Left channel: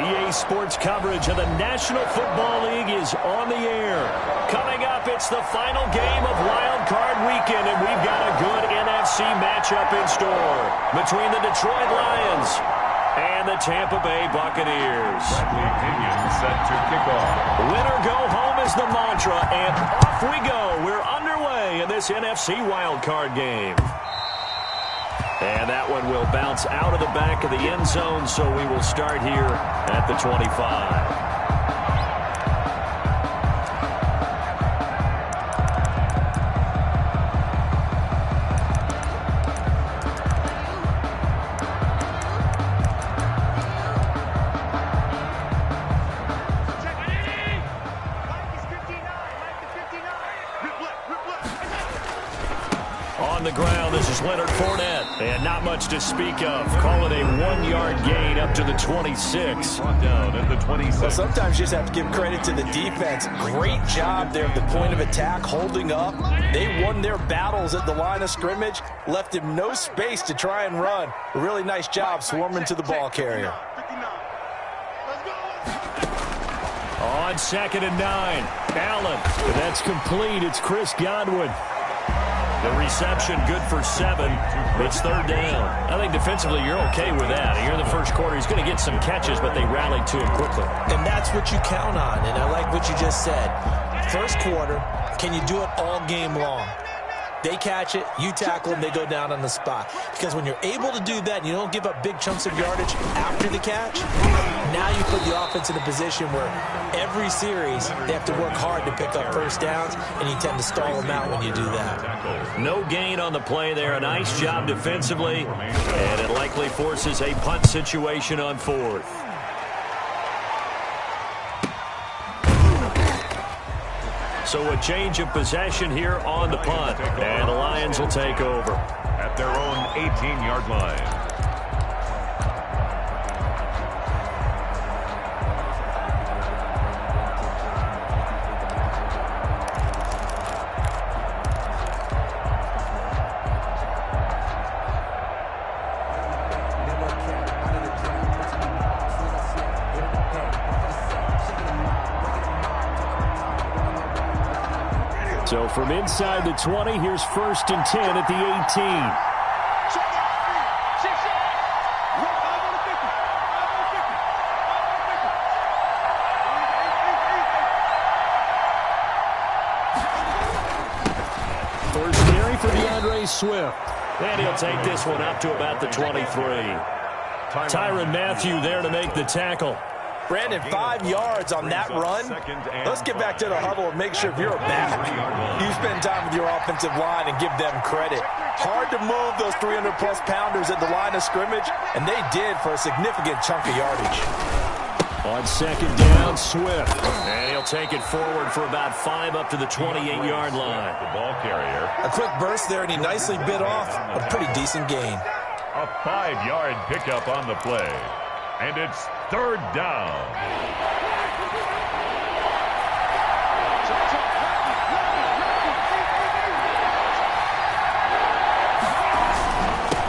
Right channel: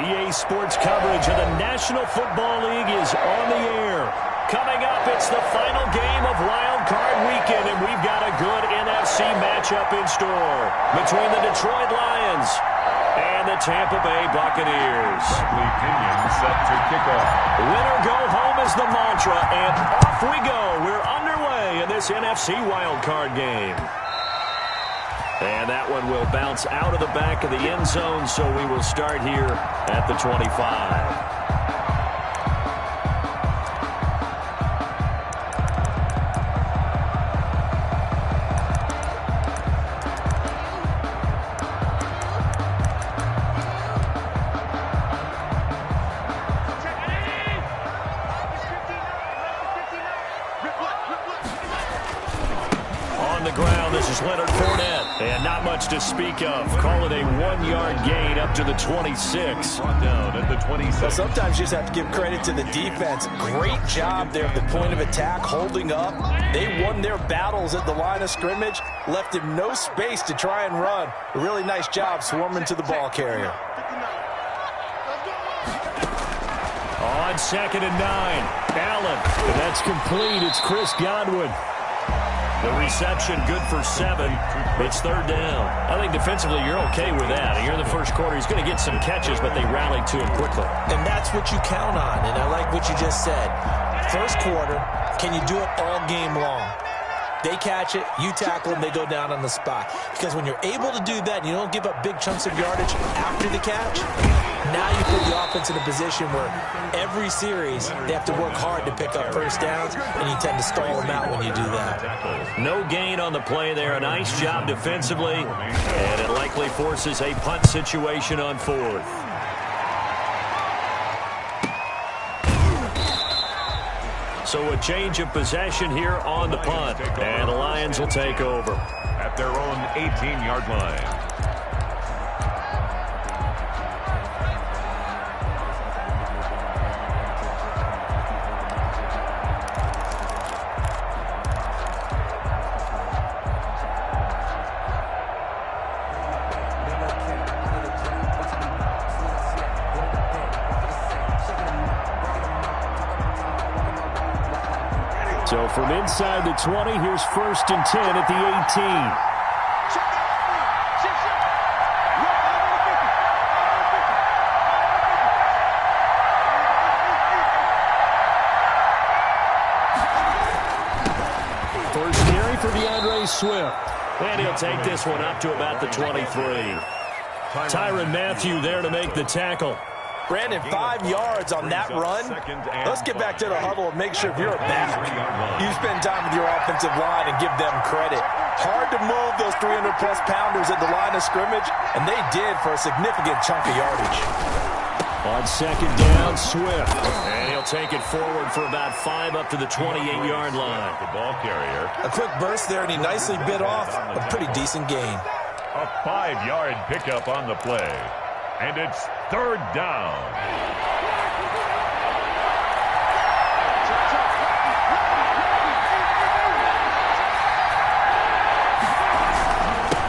EA Sports coverage of the National Football League is on the air. Coming up, it's the final game of Wild Card Weekend, and we've got a good NFC matchup in store between the Detroit Lions and the Tampa Bay Buccaneers. Bradley Pinion set to kick off. Winner go home is the mantra, and off we go. We're underway in this NFC Wild Card game. And that one will bounce out of the back of the end zone, so we will start here at the 25. On the ground, this is Leonard Fournette. And not much to speak of. Call it a 1-yard gain up to the 26. Brought down at the 26. Well, sometimes you just have to give credit to the defense. Great job there at the point of attack, holding up. They won their battles at the line of scrimmage, left him no space to try and run. A really nice job swarming to the ball carrier. On 2nd and 9, Allen. That's complete. It's Chris Godwin. The reception good for 7. It's 3rd down. I think defensively you're okay with that. Here in the first quarter, he's going to get some catches, but they rallied to him quickly. And that's what you count on, and I like what you just said. First quarter, can you do it all game long? They catch it, you tackle them, they go down on the spot. Because when you're able to do that and you don't give up big chunks of yardage after the catch, now you put the offense in a position where every series they have to work hard to pick up first downs, and you tend to stall them out when you do that. No gain on the play there. A nice job defensively, and it likely forces a punt situation on 4th. So a change of possession here on the punt, and the Lions will take over at their own 18-yard line. So from inside the 20, here's 1st and 10 at the 18. First carry for DeAndre Swift. And he'll take this one up to about the 23. Tyrann Mathieu there to make the tackle. Brandon, 5 yards on that run. Let's get back to the huddle and make sure if you're a back, you spend time with your offensive line and give them credit. Hard to move those 300-plus pounders at the line of scrimmage, and they did for a significant chunk of yardage. On 2nd down, Swift. And he'll take it forward for about 5 up to the 28-yard line. The ball carrier. A quick burst there, and he nicely bit off a pretty decent gain. A 5-yard pickup on the play. And it's 3rd down.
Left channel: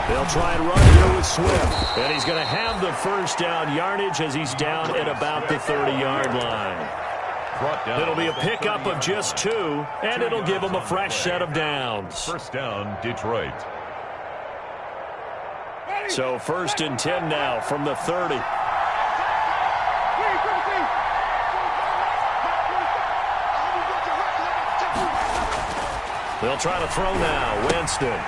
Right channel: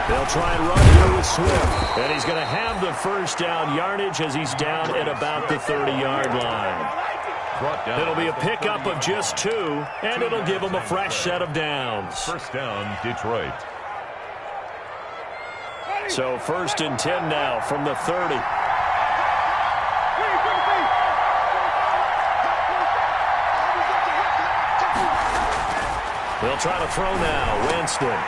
They'll try and run here with Swift. And he's going to have the first down yardage as he's down at about the 30-yard line. It'll be a pickup of just 2, and it'll give him a fresh set of downs. First down, Detroit. So 1st and 10 now from the 30. They'll try to throw now. Winston.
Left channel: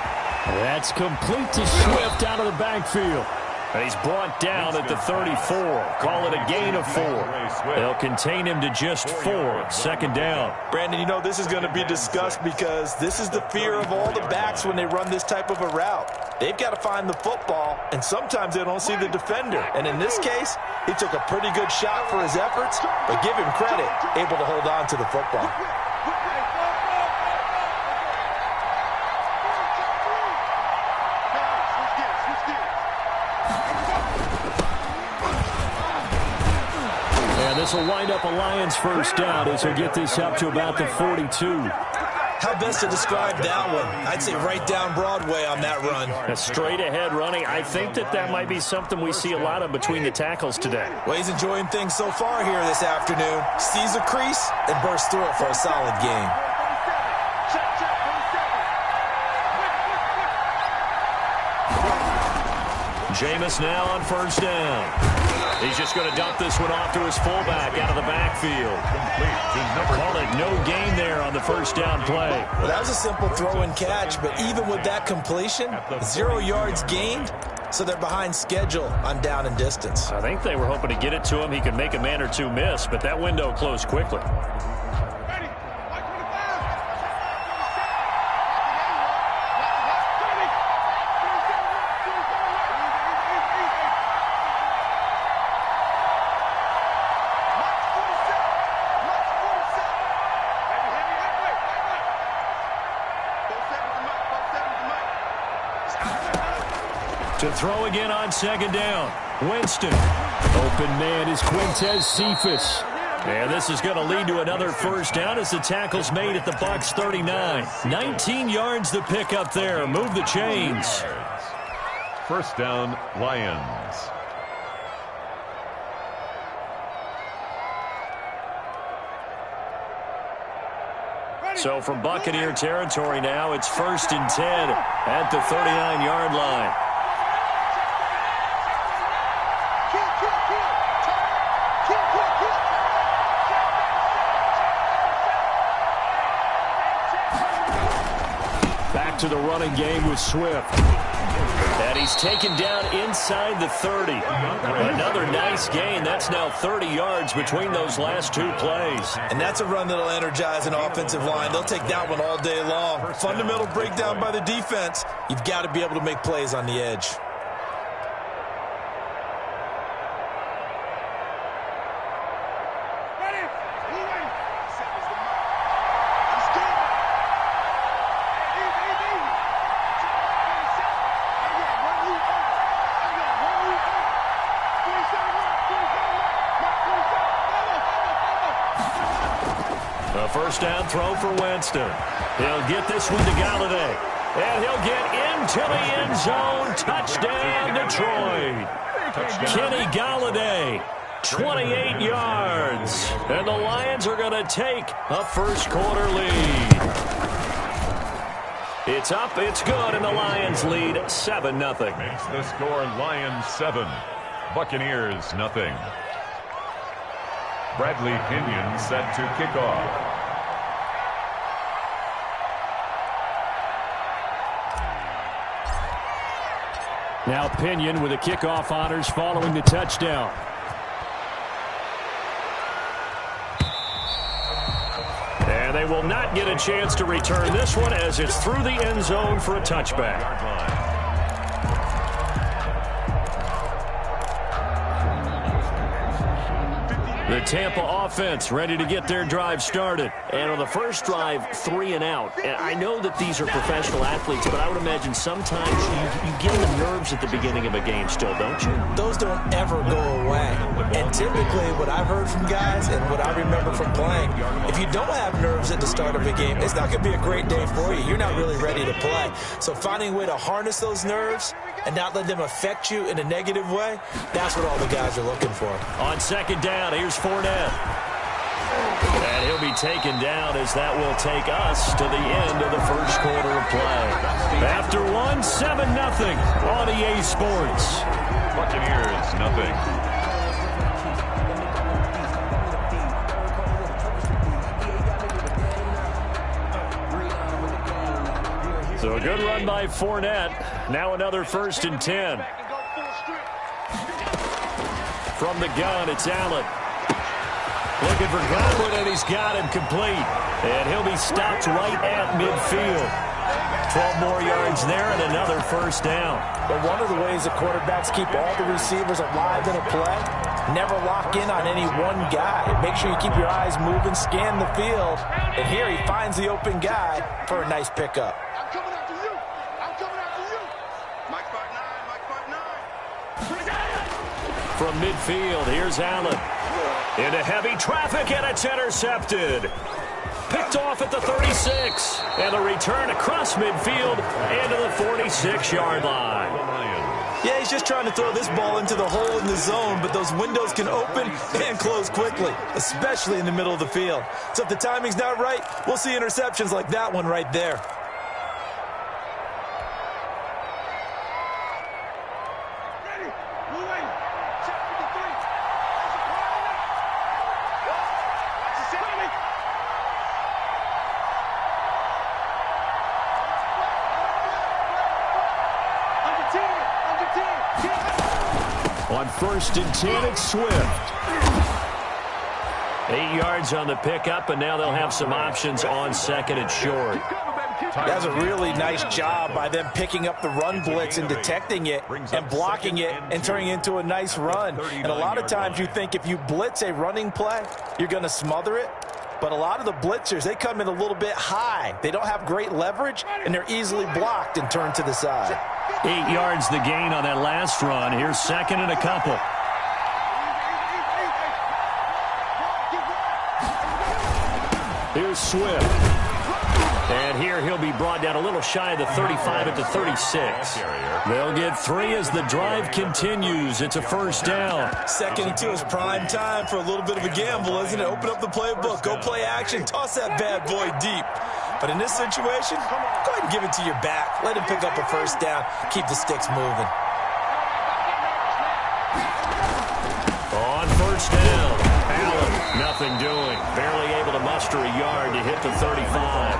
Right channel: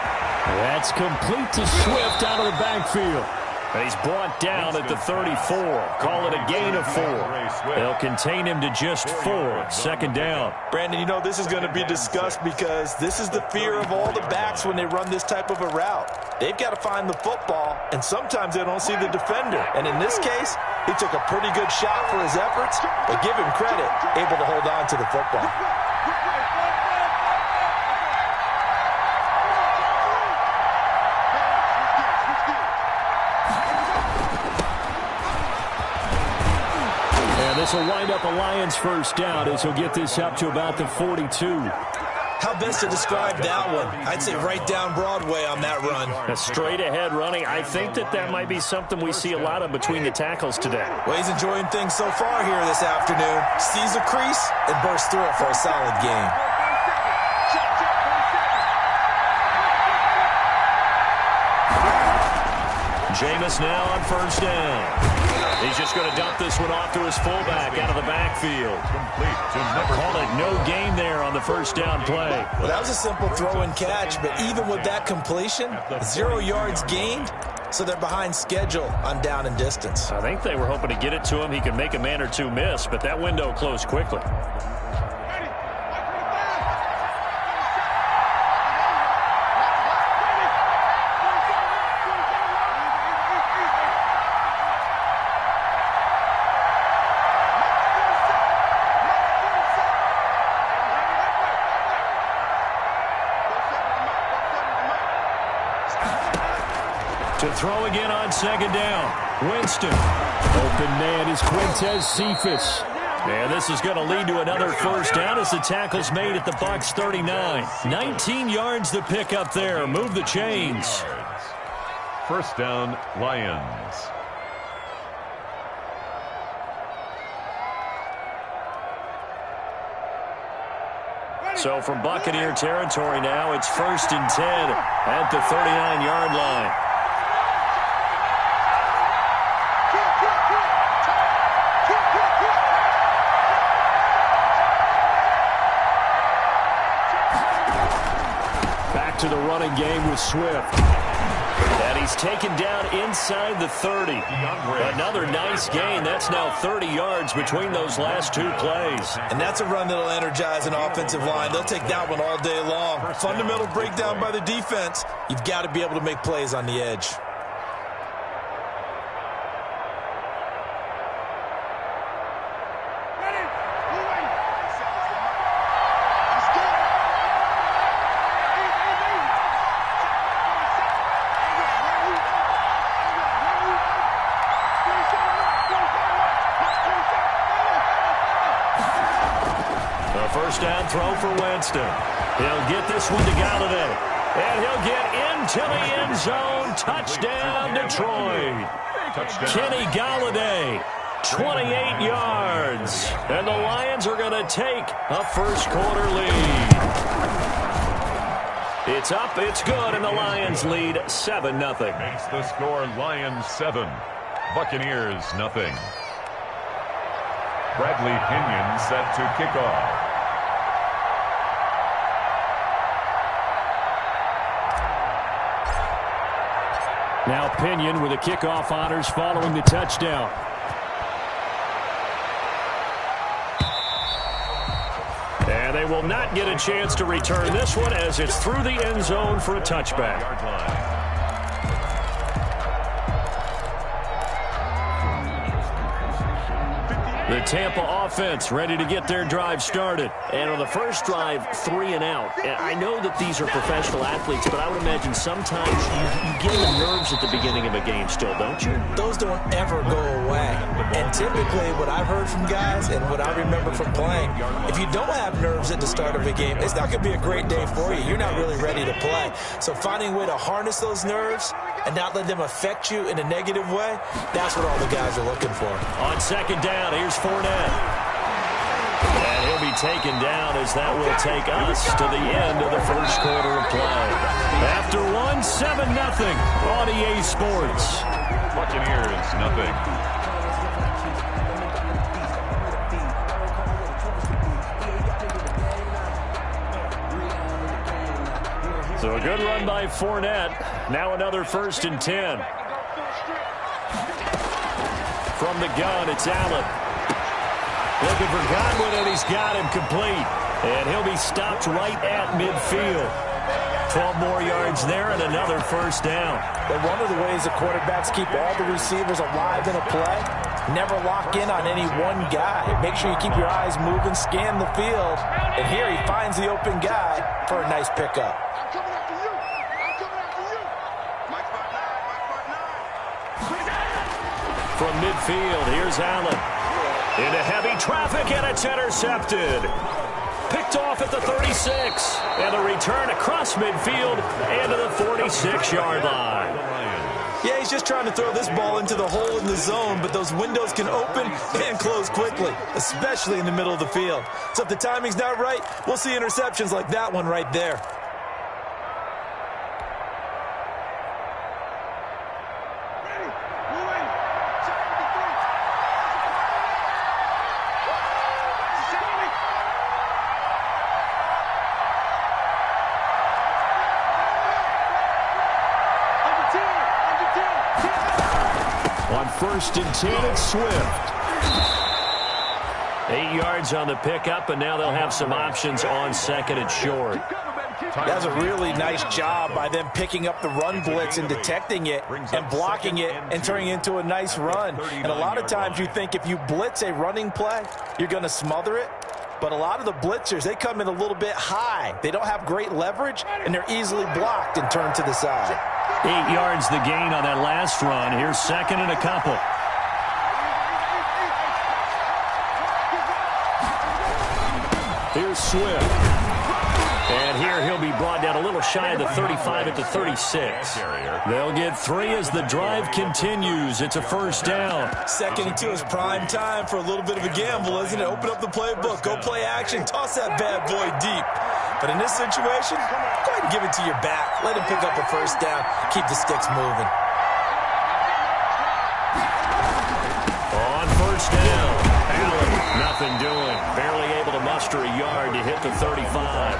That's complete to Swift out of the backfield. And he's brought down at the 34. Call it a gain of 4. They'll contain him to just 4. 2nd down. Brandon, you know this is going to be discussed because this is the fear of all the backs when they run this type of a route. They've got to find the football, and sometimes they don't see the defender. And in this case, he took a pretty good shot for his efforts, but give him credit, able to hold on to the football. And this will wind up a Lions first down as he'll get this up to about the 42. How best to describe that one? I'd say right down Broadway on that run. A straight ahead running. I think that might be something we see a lot of between the tackles today. Well, he's enjoying things so far here this afternoon. Sees a crease and bursts through it for a solid game. Jameis now on first down. He's just going to dump this one off to his fullback out of the backfield. Complete to number. Call it no gain there on the first down play. Well, that was a simple throw and catch, but even with that completion, 0 yards gained, so they're behind schedule on down and distance. I think they were hoping to get it to him. He could make a man or two miss, but that window closed quickly. To throw again on second down. Winston. Open man is Quintez Cephas. And this is going to lead to another first down as the tackle's made at the Bucs 39. 19 yards to pick up there. Move the chains. First down, Lions. So from Buccaneer territory now, it's 1st and 10 at the 39-yard line. Back to the running game with Swift. And he's taken down inside the 30. Another nice gain. That's now 30 yards between those last two plays. And that's a run that'll energize an offensive line. They'll take that one all day long. Fundamental breakdown by the defense. You've got to be able to make plays on the edge. A first down throw for Winston. He'll get this one to Galladay. And he'll get into the end zone. Touchdown, Detroit. Kenny Galladay, 28 yards. And the Lions are going to take a first quarter lead. It's up, it's good, and the Lions lead 7-0. Makes the score Lions 7, Buccaneers 0. Bradley Pinion set to kick off. Now Pinion with the kickoff honors following the touchdown. And they will not get a chance to return this one as it's through the end zone for a touchback. The Tampa offense ready to get their drive started. And on the first drive, 3 and out. And I know that these are professional athletes, but I would imagine sometimes you get in the nerves at the beginning of a game still, don't you? Those don't ever go away. And typically what I've heard from guys and what I remember from playing, if you don't have nerves at the start of a game, it's not going to be a great day for you. You're not really ready to play. So finding a way to harness those nerves and not let them affect you in a negative way, that's what all the guys are looking for. On second down, here's Fournette. And he'll be taken down as that will take us to the end of the first quarter of play. After one, 7-0 on EA Sports. Buccaneers 0. So a good run by Fournette. Now another 1st and 10. From the gun, it's Allen. Looking for Godwin, and he's got him complete. And he'll be stopped right at midfield. 12 more yards there and another first down. But one of the ways the quarterbacks keep all the receivers alive in a play, never lock in on any one guy. Make sure you keep your eyes moving, scan the field. And here he finds the open guy for a nice pickup. I'm coming after you. I'm coming after you. Mike 5'9", Mike 5'9". From midfield, here's Allen. Into heavy traffic, and it's intercepted. Picked off at the 36. And the return across midfield and to the 46-yard line. Yeah, he's just trying to throw this ball into the hole in the zone, but those windows can open and close quickly, especially in the middle of the field. So if the timing's not right, we'll see interceptions like that one right there. On 1st and 10, it's Swift. 8 yards on the pickup, and now they'll have some options on 2nd and short. That's a really nice job by them picking up the run blitz and detecting it and blocking it and turning it into a nice run. And a lot of times you think if you blitz a running play, you're going to smother it. But a lot of the blitzers, they come in a little bit high. They don't have great leverage, and they're easily blocked and turned to the side. 8 yards the gain on that last run. Here's 2nd and a couple. Here's Swift. And here he'll be brought down a little shy of the 35 at the 36. They'll get 3 as the drive continues. It's a 1st down. 2nd and 2 is prime time for a little bit of a gamble, isn't it? Open up the playbook. Go play action. Toss that bad boy deep. But in this situation, go ahead and give it to your back. Let him pick up a 1st down. Keep the sticks moving. On 1st down, Allen, nothing doing. Barely able to muster a yard to hit the 35.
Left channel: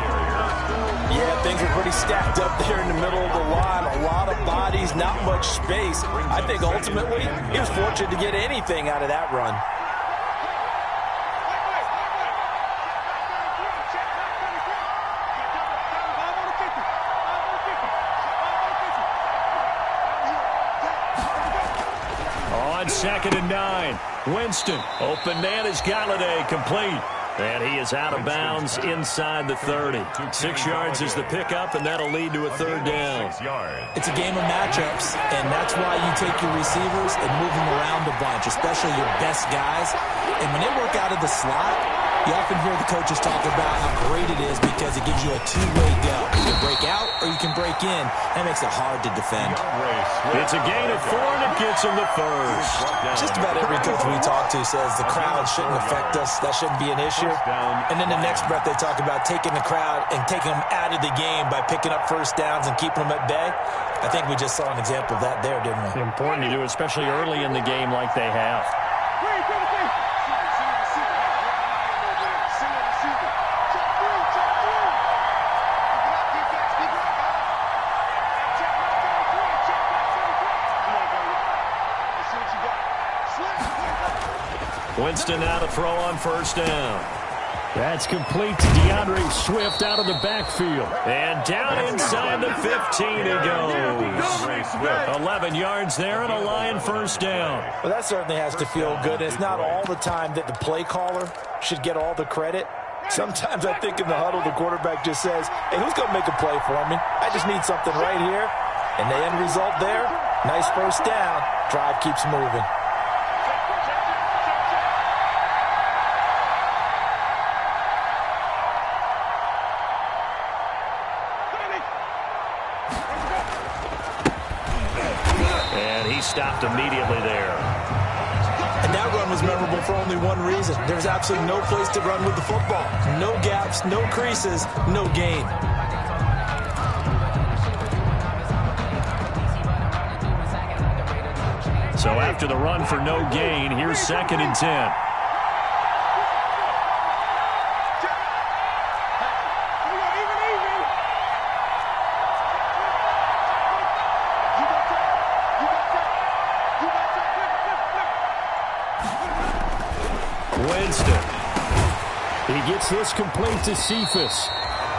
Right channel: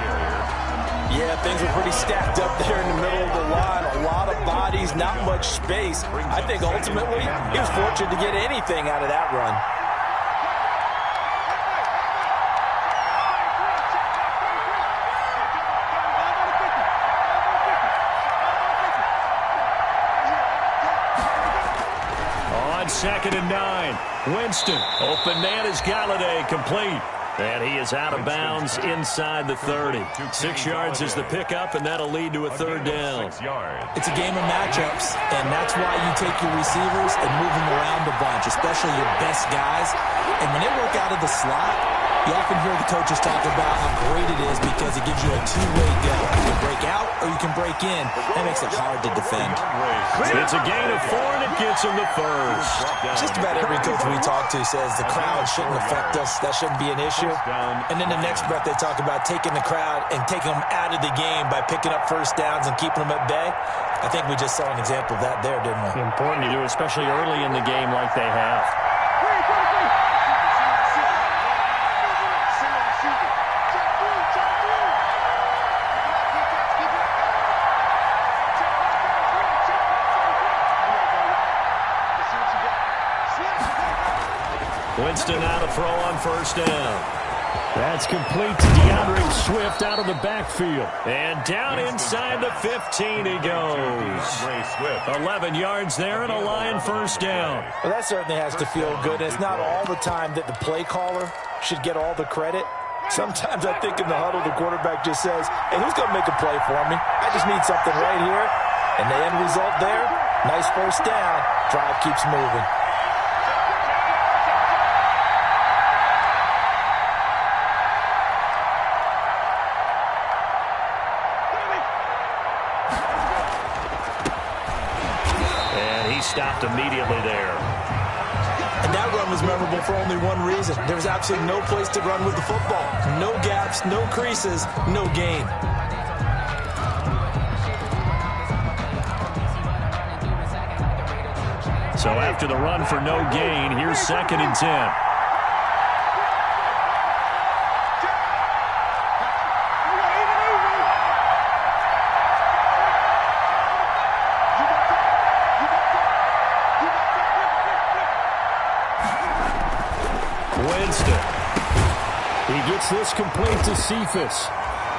Yeah, things were pretty stacked up there in the middle of the line. A lot of bodies, not much space. I think ultimately he was fortunate to get anything out of that run. On 2nd and 9, Winston. Open man is Galladay, complete. And he is out of bounds inside the 30. 6 yards is the pickup, and that'll lead to a 3rd down. It's a game of matchups, and that's why you take your receivers and move them around a bunch, especially your best guys. And when they work out of the slot, you often hear the coaches talk about how great it is because it gives you a two-way go. You can break out or you can break in. That makes it hard to defend. It's a gain of 4, and it gets him the 1st. Just about every coach we talk to says the crowd shouldn't affect us. That shouldn't be an issue. And then the next breath they talk about taking the crowd and taking them out of the game by picking up 1st downs and keeping them at bay. I think we just saw an example of that there, didn't we? Important to do, especially early in the game like they have. Winston now to throw on 1st down. That's complete to DeAndre Swift out of the backfield. And down inside the 15 he goes. 11 yards there and a Lion 1st down. Well, that certainly has to feel good. It's not all the time that the play caller should get all the credit. Sometimes I think in the huddle the quarterback just says, hey, who's going to make a play for me? I just need something right here. And the end result there, nice 1st down. Drive keeps moving. Stopped immediately there. And that run was memorable for only one reason. There was absolutely no place to run with the football. No gaps, no creases, no gain. So after the run for no gain, here's 2nd and 10. Winston. He gets this complete to Cephas.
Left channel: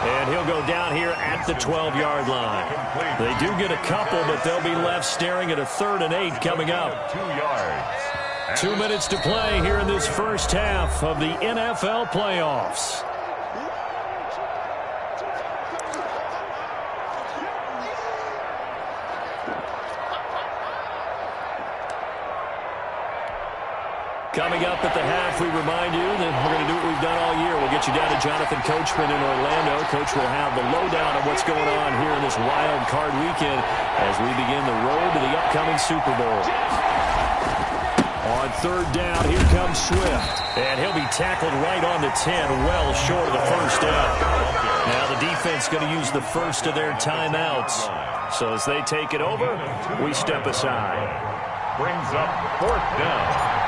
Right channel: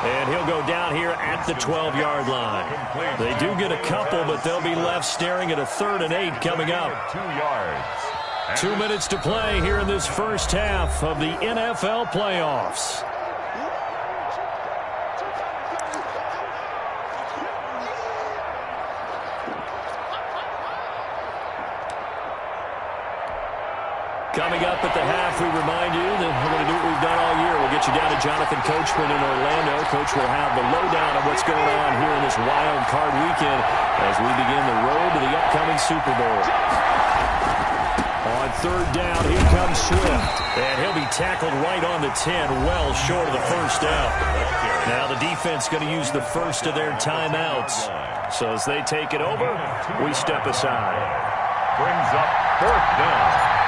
And he'll go down here at the 12-yard line. They do get a couple, but they'll be left staring at a 3rd and 8 coming up. 2 yards. 2 minutes to play here in this first half of the NFL playoffs. Coming up at the half, we remind you that we're going to do what we've done all year. We'll get you down to Jonathan Coachman in Orlando. Coach will have the lowdown of what's going on here in this wild card weekend as we begin the road to the upcoming Super Bowl. On third down, here comes Swift. And he'll be tackled right on the 10, well short of the first down. Now the defense going to use the first of their timeouts. So as they take it over, we step aside. Brings up fourth down.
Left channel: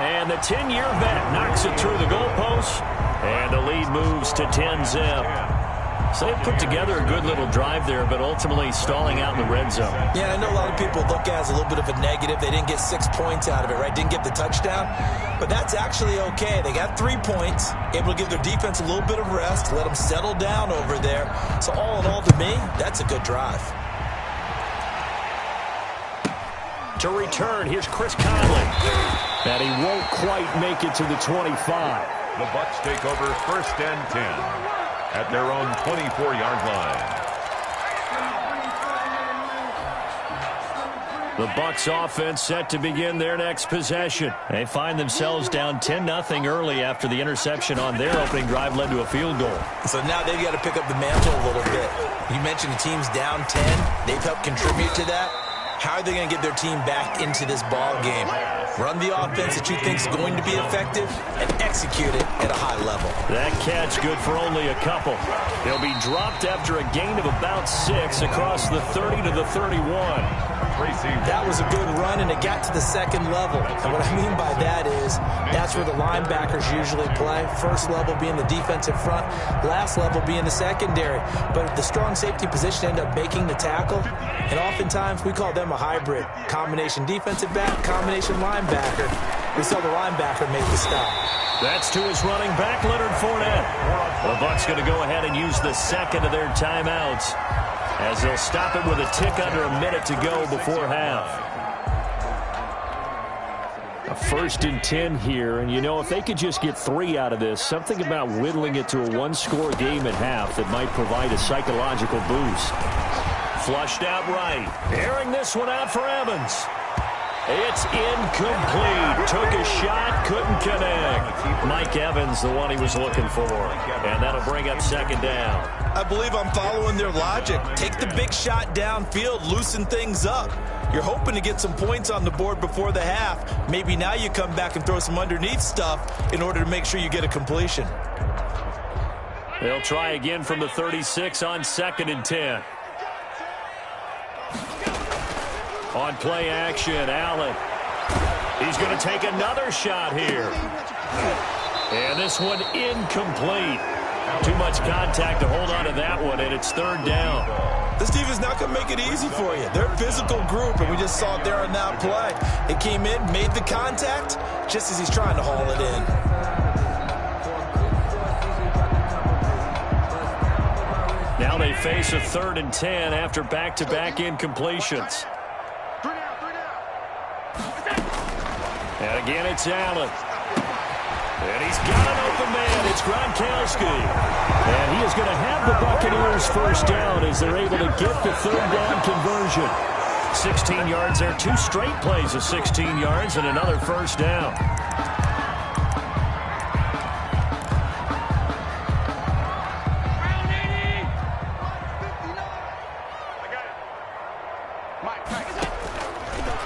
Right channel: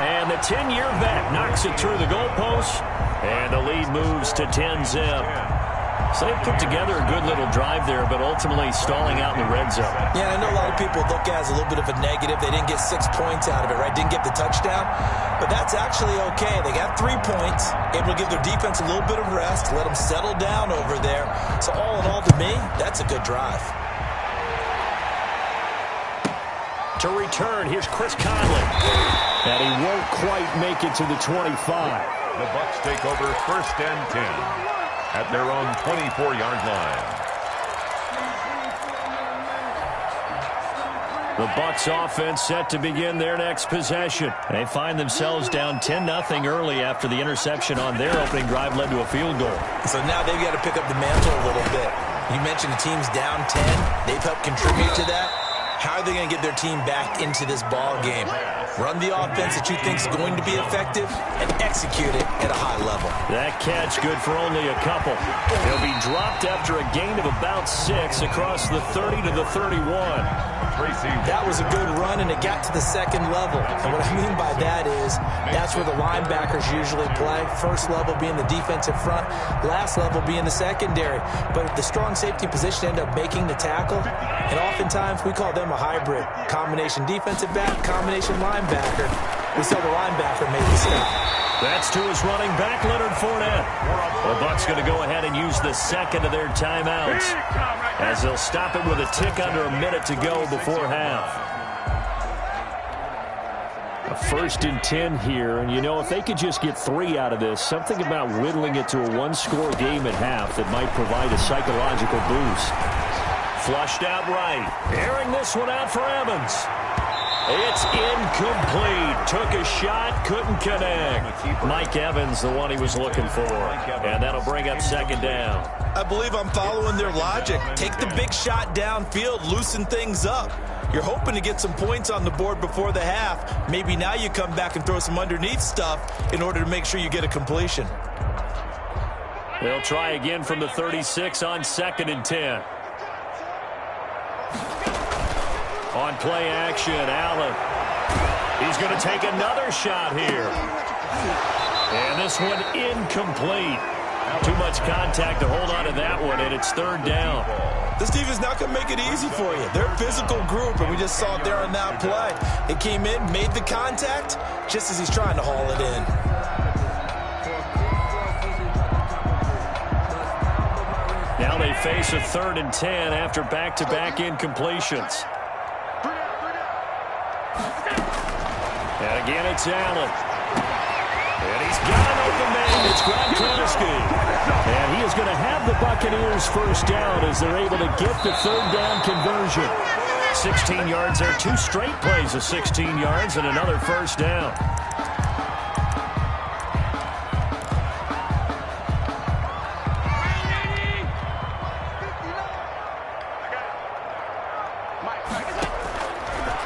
And the 10-year vet knocks it through the goalpost, and the lead moves to 10-zip. So they put together a good little drive there, but ultimately stalling out in the red zone. Yeah, I know a lot of people look at it as a little bit of a negative. They didn't get 6 points out of it, right? Didn't get the touchdown. But that's actually okay. They got 3 points, able to give their defense a little bit of rest, let them settle down over there. So all in all, to me, that's a good drive. To return, here's Chris Conley. And he won't quite make it to the 25. The Bucs take over first and 10 at their own 24-yard line. The Bucs offense set to begin their next possession. They find themselves down 10-0 early after the interception on their opening drive led to a field goal. So now they've got to pick up the mantle a little bit. You mentioned the team's down 10. They've helped contribute to that. How are they going to get their team back into this ball game? Run the offense that you think is going to be effective and execute it at a high level. That catch good for only a couple. They'll be dropped after a gain of about 6 across the 30 to the 31. That was a good run, and it got to the second level. And what I mean by that is that's where the linebackers usually play. First level being the defensive front, last level being the secondary. But the strong safety position ended up making the tackle, and oftentimes we call them a hybrid. Combination defensive back, combination linebacker. We saw the linebacker make the stop. That's to his running back, Leonard Fournette. The Bucs going to go ahead and use the second of their timeouts, as they'll stop it with a tick under a minute to go before half. A 1st and 10 here, and you know, if they could just get 3 out of this, something about whittling it to a one-score game at half that might provide a psychological boost. Flushed out right. Airing this one out for Evans. It's incomplete. Took a shot, couldn't connect. Mike Evans, the one he was looking for. And that'll bring up second down. I believe I'm following their logic. Take the big shot downfield, loosen things up. You're hoping to get some points on the board before the half. Maybe now you come back and throw some underneath stuff in order to make sure you get a completion. They'll try again from the 36 on 2nd and 10. On play action, Allen. He's going to take another shot here. And this one incomplete. Too much contact to hold on to that one, and it's 3rd down. This defense is not going to make it easy for you. They're a physical group, and we just saw it there on that play. It came in, made the contact, just as he's trying to haul it in. Now they face a 3rd and 10 after back-to-back incompletions. And again, it's Allen. And he's got an open man. It's Gronkowski. And he is going to have the Buccaneers first down as they're able to get the 3rd down conversion. 16 yards there. 2 straight plays of 16 yards and another first down.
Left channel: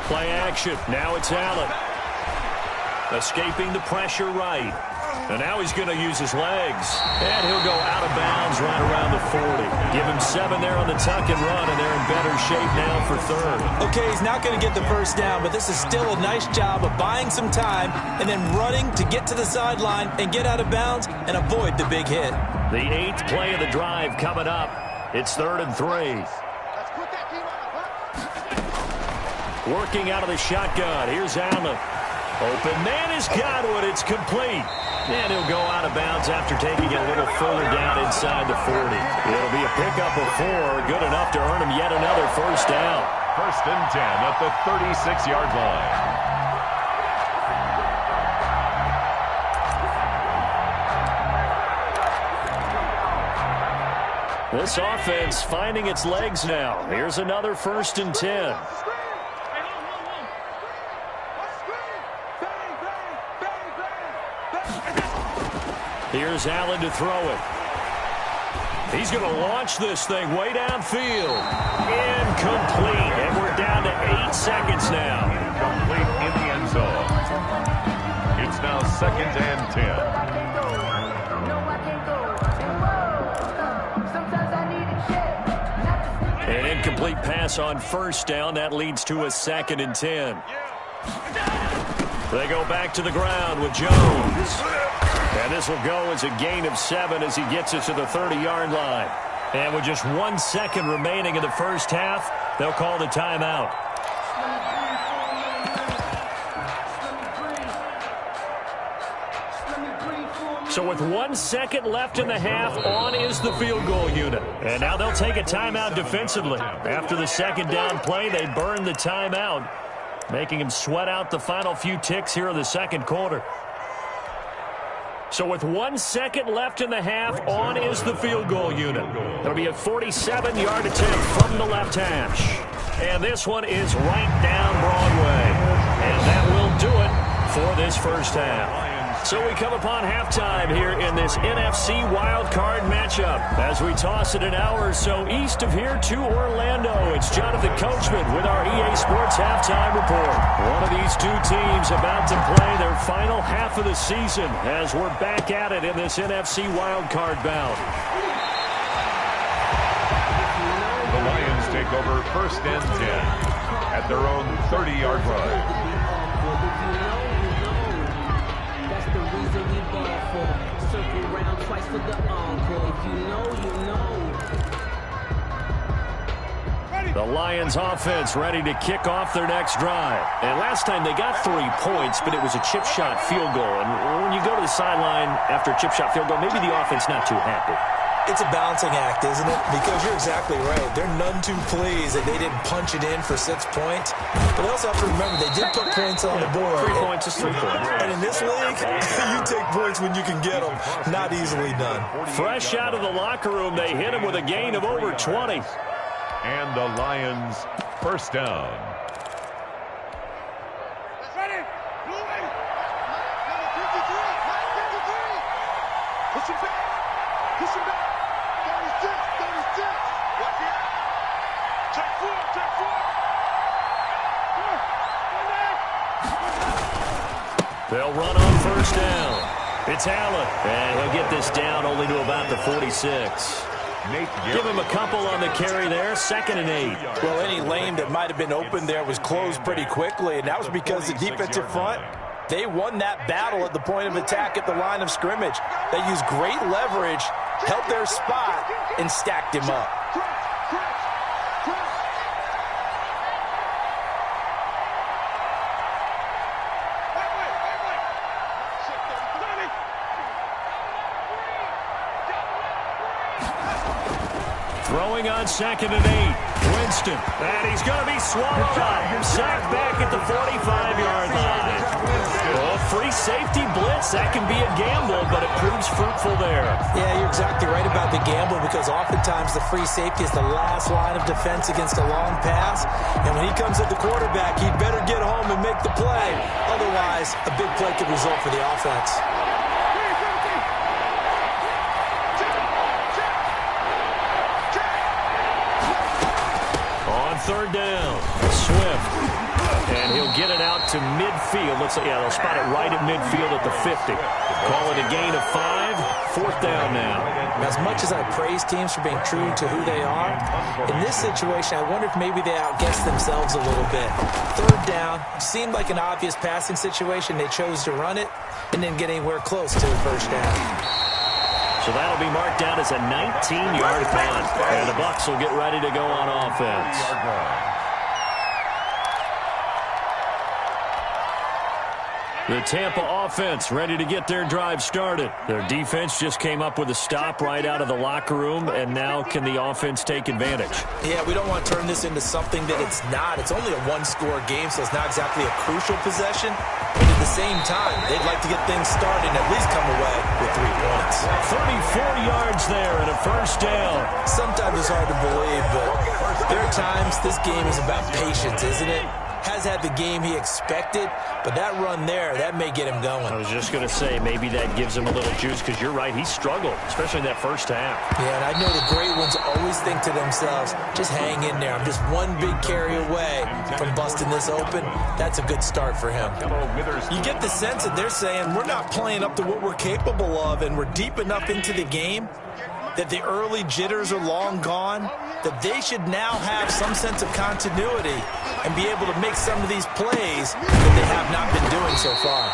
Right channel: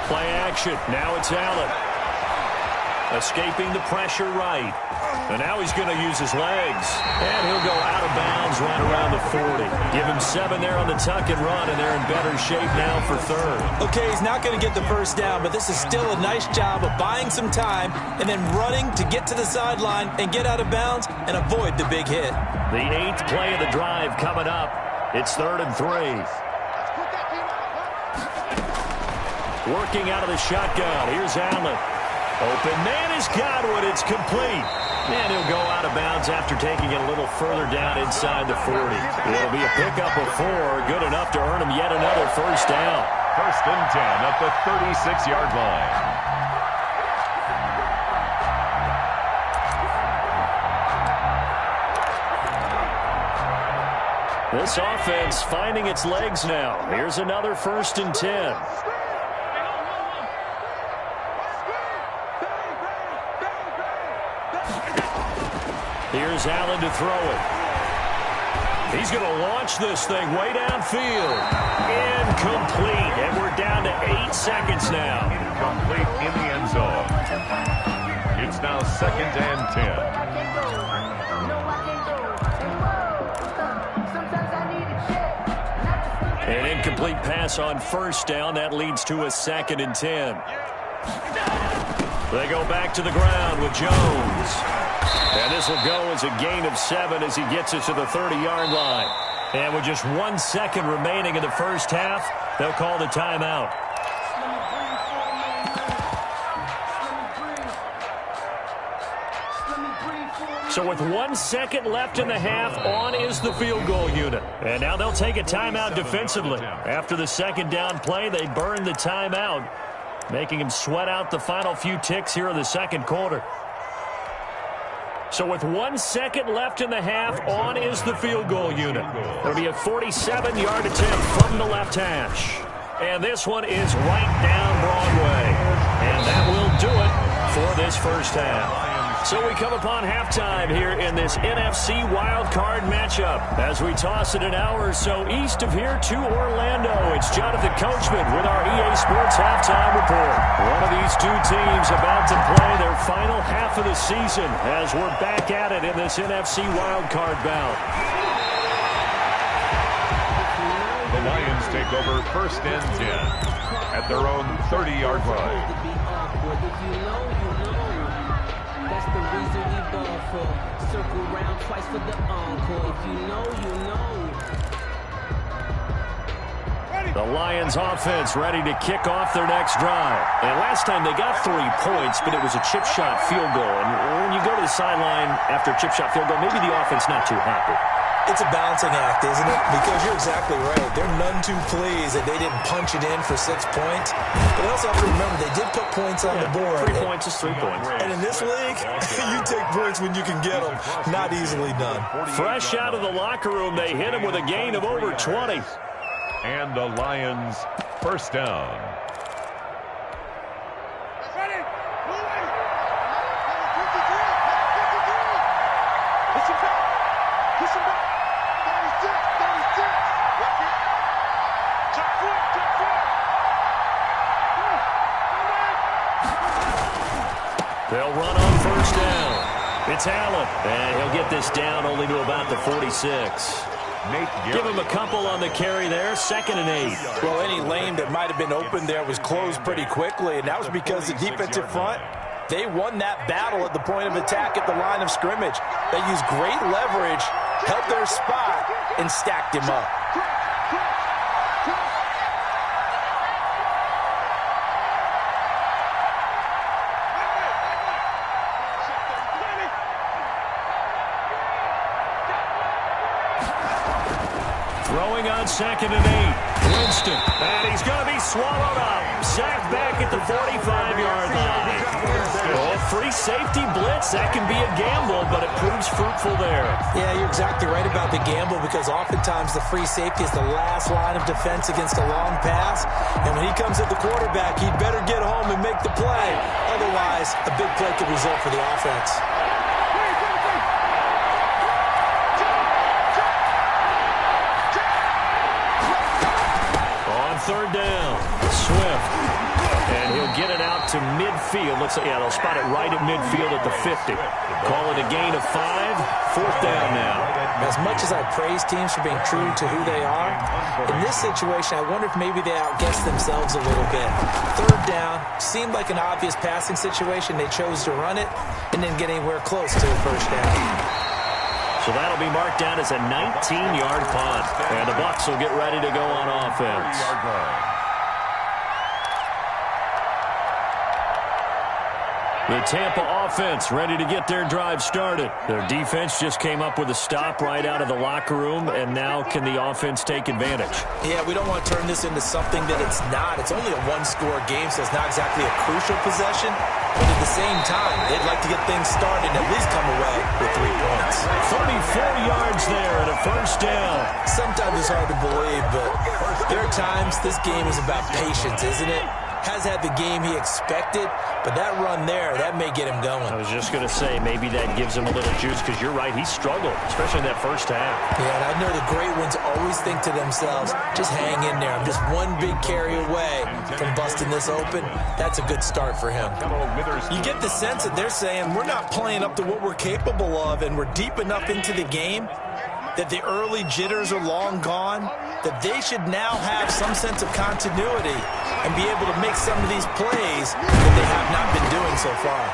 Play action. Now it's Allen. Escaping the pressure right. And now he's going to use his legs. And he'll go out of bounds right around the 40. Give him 7 there on the tuck and run, and they're in better shape now for 3rd. Okay, he's not going to get the first down, but this is still a nice job of buying some time and then running to get to the sideline and get out of bounds and avoid the big hit. The 8th play of the drive coming up. It's 3rd and 3. Working out of the shotgun. Here's Allen. Open man is Godwin. It's complete. And he'll go out of bounds after taking it a little further down inside the 40. It'll be a pickup of 4. Good enough to earn him yet another first down. 1st and 10 at the 36-yard line. This offense finding its legs now. Here's another 1st and 10. Here's Allen to throw it. He's going to launch this thing way downfield. Incomplete. And we're down to 8 seconds now. Incomplete in the end zone. It's now 2nd and 10. An incomplete pass on 1st down. That leads to a 2nd and 10. They go back to the ground with Jones. And this will go as a gain of 7 as he gets it to the 30-yard line. And with just 1 second remaining in the first half, they'll call the timeout. So with 1 second left in the half, on is the field goal unit. And now they'll take a timeout defensively. After the 2nd down play, they burn the timeout, making him sweat out the final few ticks here in the 2nd quarter. So with 1 second left in the half, on is the field goal unit. It'll be a 47-yard attempt from the left hash. And this one is right down Broadway. And that will do it for this first half. So we come upon halftime here in this NFC wildcard matchup. As we toss it an hour or so east of here to Orlando, it's Jonathan Coachman with our EA Sports Halftime Report. One of these two teams about to play their final half of the season as we're back at it in this NFC wildcard bout. The Lions take over 1st and 10 at their own 30-yard line. That's the reason we ball for. Circle round twice for the encore. If you know, you know. The Lions offense ready to kick off their next drive. And last time they got 3 points, but it was a chip shot field goal. And when you go to the sideline after a chip shot field goal, maybe the offense not too happy. It's a balancing act, isn't it? Because you're exactly right. They're none too pleased that they didn't punch it in for 6 points. But they also have to remember they did put points on the board. 3 points is 3 points. And in this league, you take points when you can get them. Not easily done. Fresh out of the locker room, they hit him with a gain of over 20. And the Lions' 1st down. That's ready. Move away. Number 53. Number 53. Push him back. Push him back. 36. 36. Watch it. Check four. Check four. Come on. They'll run on 1st down. It's Allen. And he'll get this down only to about the 46. Give him a couple on the carry there. 2nd and 8. Well, any lane that might have been open there was closed pretty quickly, and that was because the defensive front, they won that battle at the point of attack at the line of scrimmage. They used great leverage, held their spot, and stacked him up. Throwing on 2nd and 8. Winston. And he's going to be swallowed up. Sacked back at the 45-yard line. Oh, free safety blitz. That can be a gamble, but it proves fruitful there. Yeah, you're exactly right about the gamble because oftentimes the free safety is the last line of defense against a long pass. And when he comes at the quarterback, he'd better get home and make the play. Otherwise, a big play could result for the offense. On 3rd down, Swift. And he'll get it out to midfield. They'll spot it right at midfield at the 50. Call it a gain of 5. 4th down now. As much as I praise teams for being true to who they are, in this situation, I wonder if maybe they outguessed themselves a little bit. 3rd down, seemed like an obvious passing situation. They chose to run it and didn't get anywhere close to the 1st down. So that'll be marked down as a 19-yard punt. And the Bucs will get ready to go on offense. The Tampa offense ready to get their drive started. Their defense just came up with a stop right out of the locker room, and now can the offense take advantage? Yeah, we don't want to turn this into something that it's not. It's only a one-score game, so it's not exactly a crucial possession. But at the same time, they'd like to get things started and at least come away with 3 points. 34 yards there and a 1st down. Sometimes it's hard to believe, but there are times this game is about patience, isn't it? has had the game he expected, but that run there, that may get him going. I was just going to say, maybe that gives him a little juice, because you're right, he struggled, especially in that first half. Yeah, and I know the great ones always think to themselves, just hang in there. I'm just one big carry away from busting this open. That's a good start for him. You get the sense that they're saying, we're not playing up to what we're capable of, and we're deep enough into the game that the early jitters are long gone, that they should now have some sense of continuity and be able to make some of these plays that they have not been doing so far.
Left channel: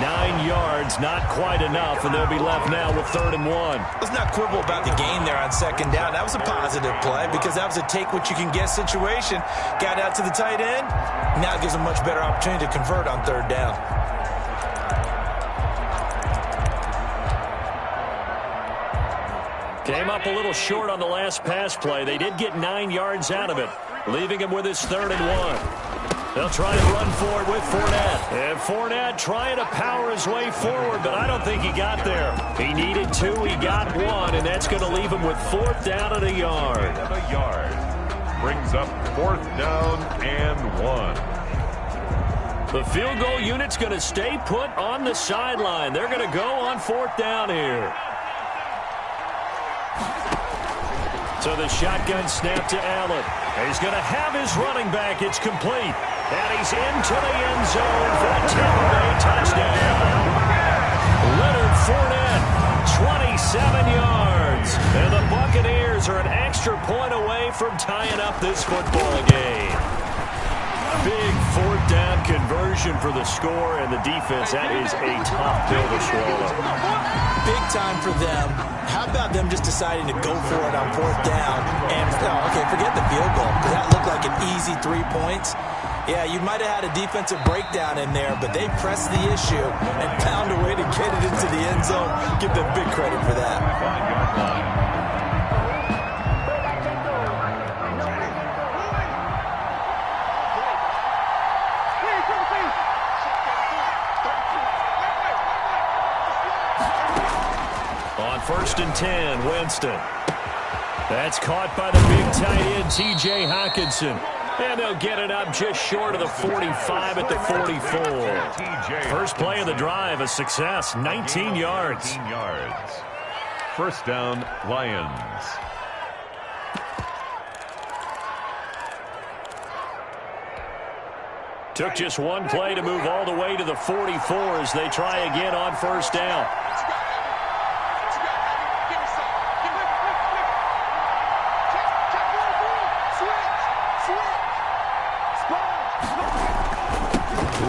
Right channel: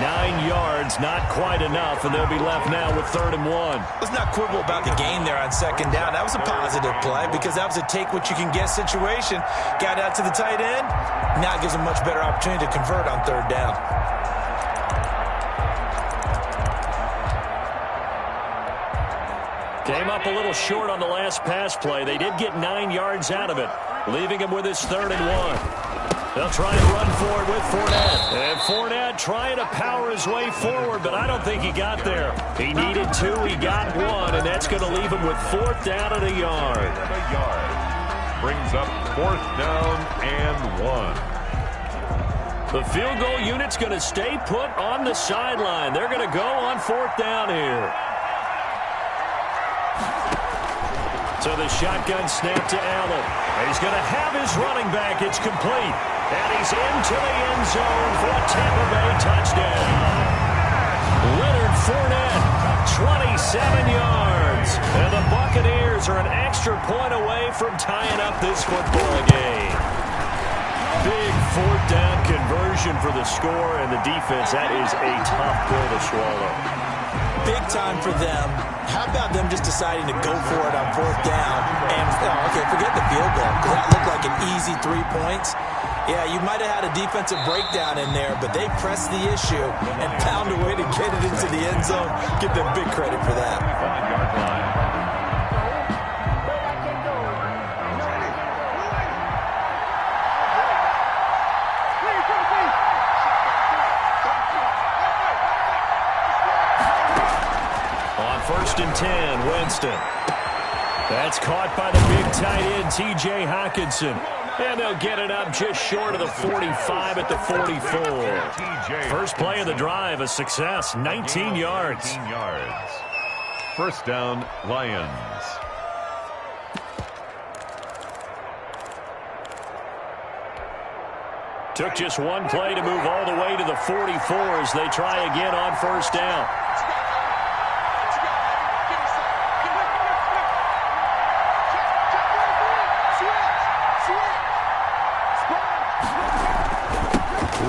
9 yards, not quite enough, and they'll be left now with 3rd and 1. Let's not quibble about the gain there on 2nd down. That was a positive play because that was a take-what-you-can-get situation. Got out to the tight end. Now it gives them a much better opportunity to convert on 3rd down. Came up a little short on the last pass play. They did get 9 yards out of it, leaving him with his 3rd and 1. They'll try to run forward with Fournette. And Fournette trying to power his way forward, but I don't think he got there. He needed 2, he got 1, and that's going to leave him with 4th down and a yard. Brings up 4th down and 1. The field goal unit's going to stay put on the sideline. They're going to go on 4th down here. So the shotgun snap to Allen. He's going to have his running back. It's complete. And he's into the end zone for a Tampa Bay touchdown. Leonard Fournette, 27 yards. And the Buccaneers are an extra point away from tying up this football game. Big 4th down conversion for the score, and the defense, that is a tough pill to swallow. Big time for them. How about them just deciding to go for it on 4th down? And, okay, forget the field goal, because that looked like an easy 3 points. Yeah, you might have had a defensive breakdown in there, but they pressed the issue and found a way to get it into the end zone. Give them big credit for that. 5-yard line. On 1st and 10, Winston. That's caught by the big tight end, T.J. Hockenson. And they'll get it up just short of the 45 at the 44. First play of the drive, a success, 19 yards. 19 yards. 1st down, Lions. Took just one play to move all the way to the 44 as they try again on 1st down.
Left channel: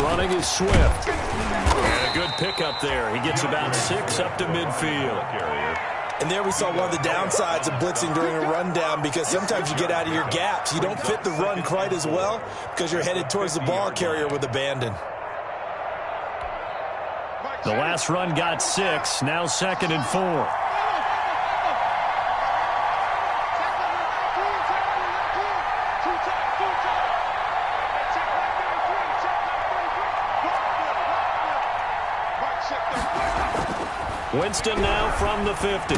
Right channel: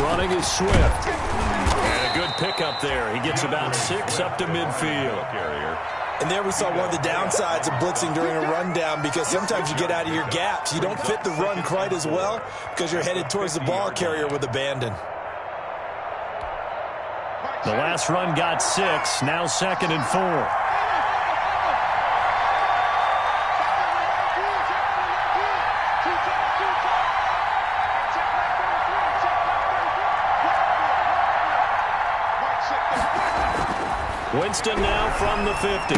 Running is Swift. And a good pickup there. He gets about 6 up to midfield. Carrier. And there we saw one of the downsides of blitzing during a rundown, because sometimes you get out of your gaps. You don't fit the run quite as well because you're headed towards the ball carrier with abandon. The last run got 6. Now 2nd and 4. Winston now from the 50.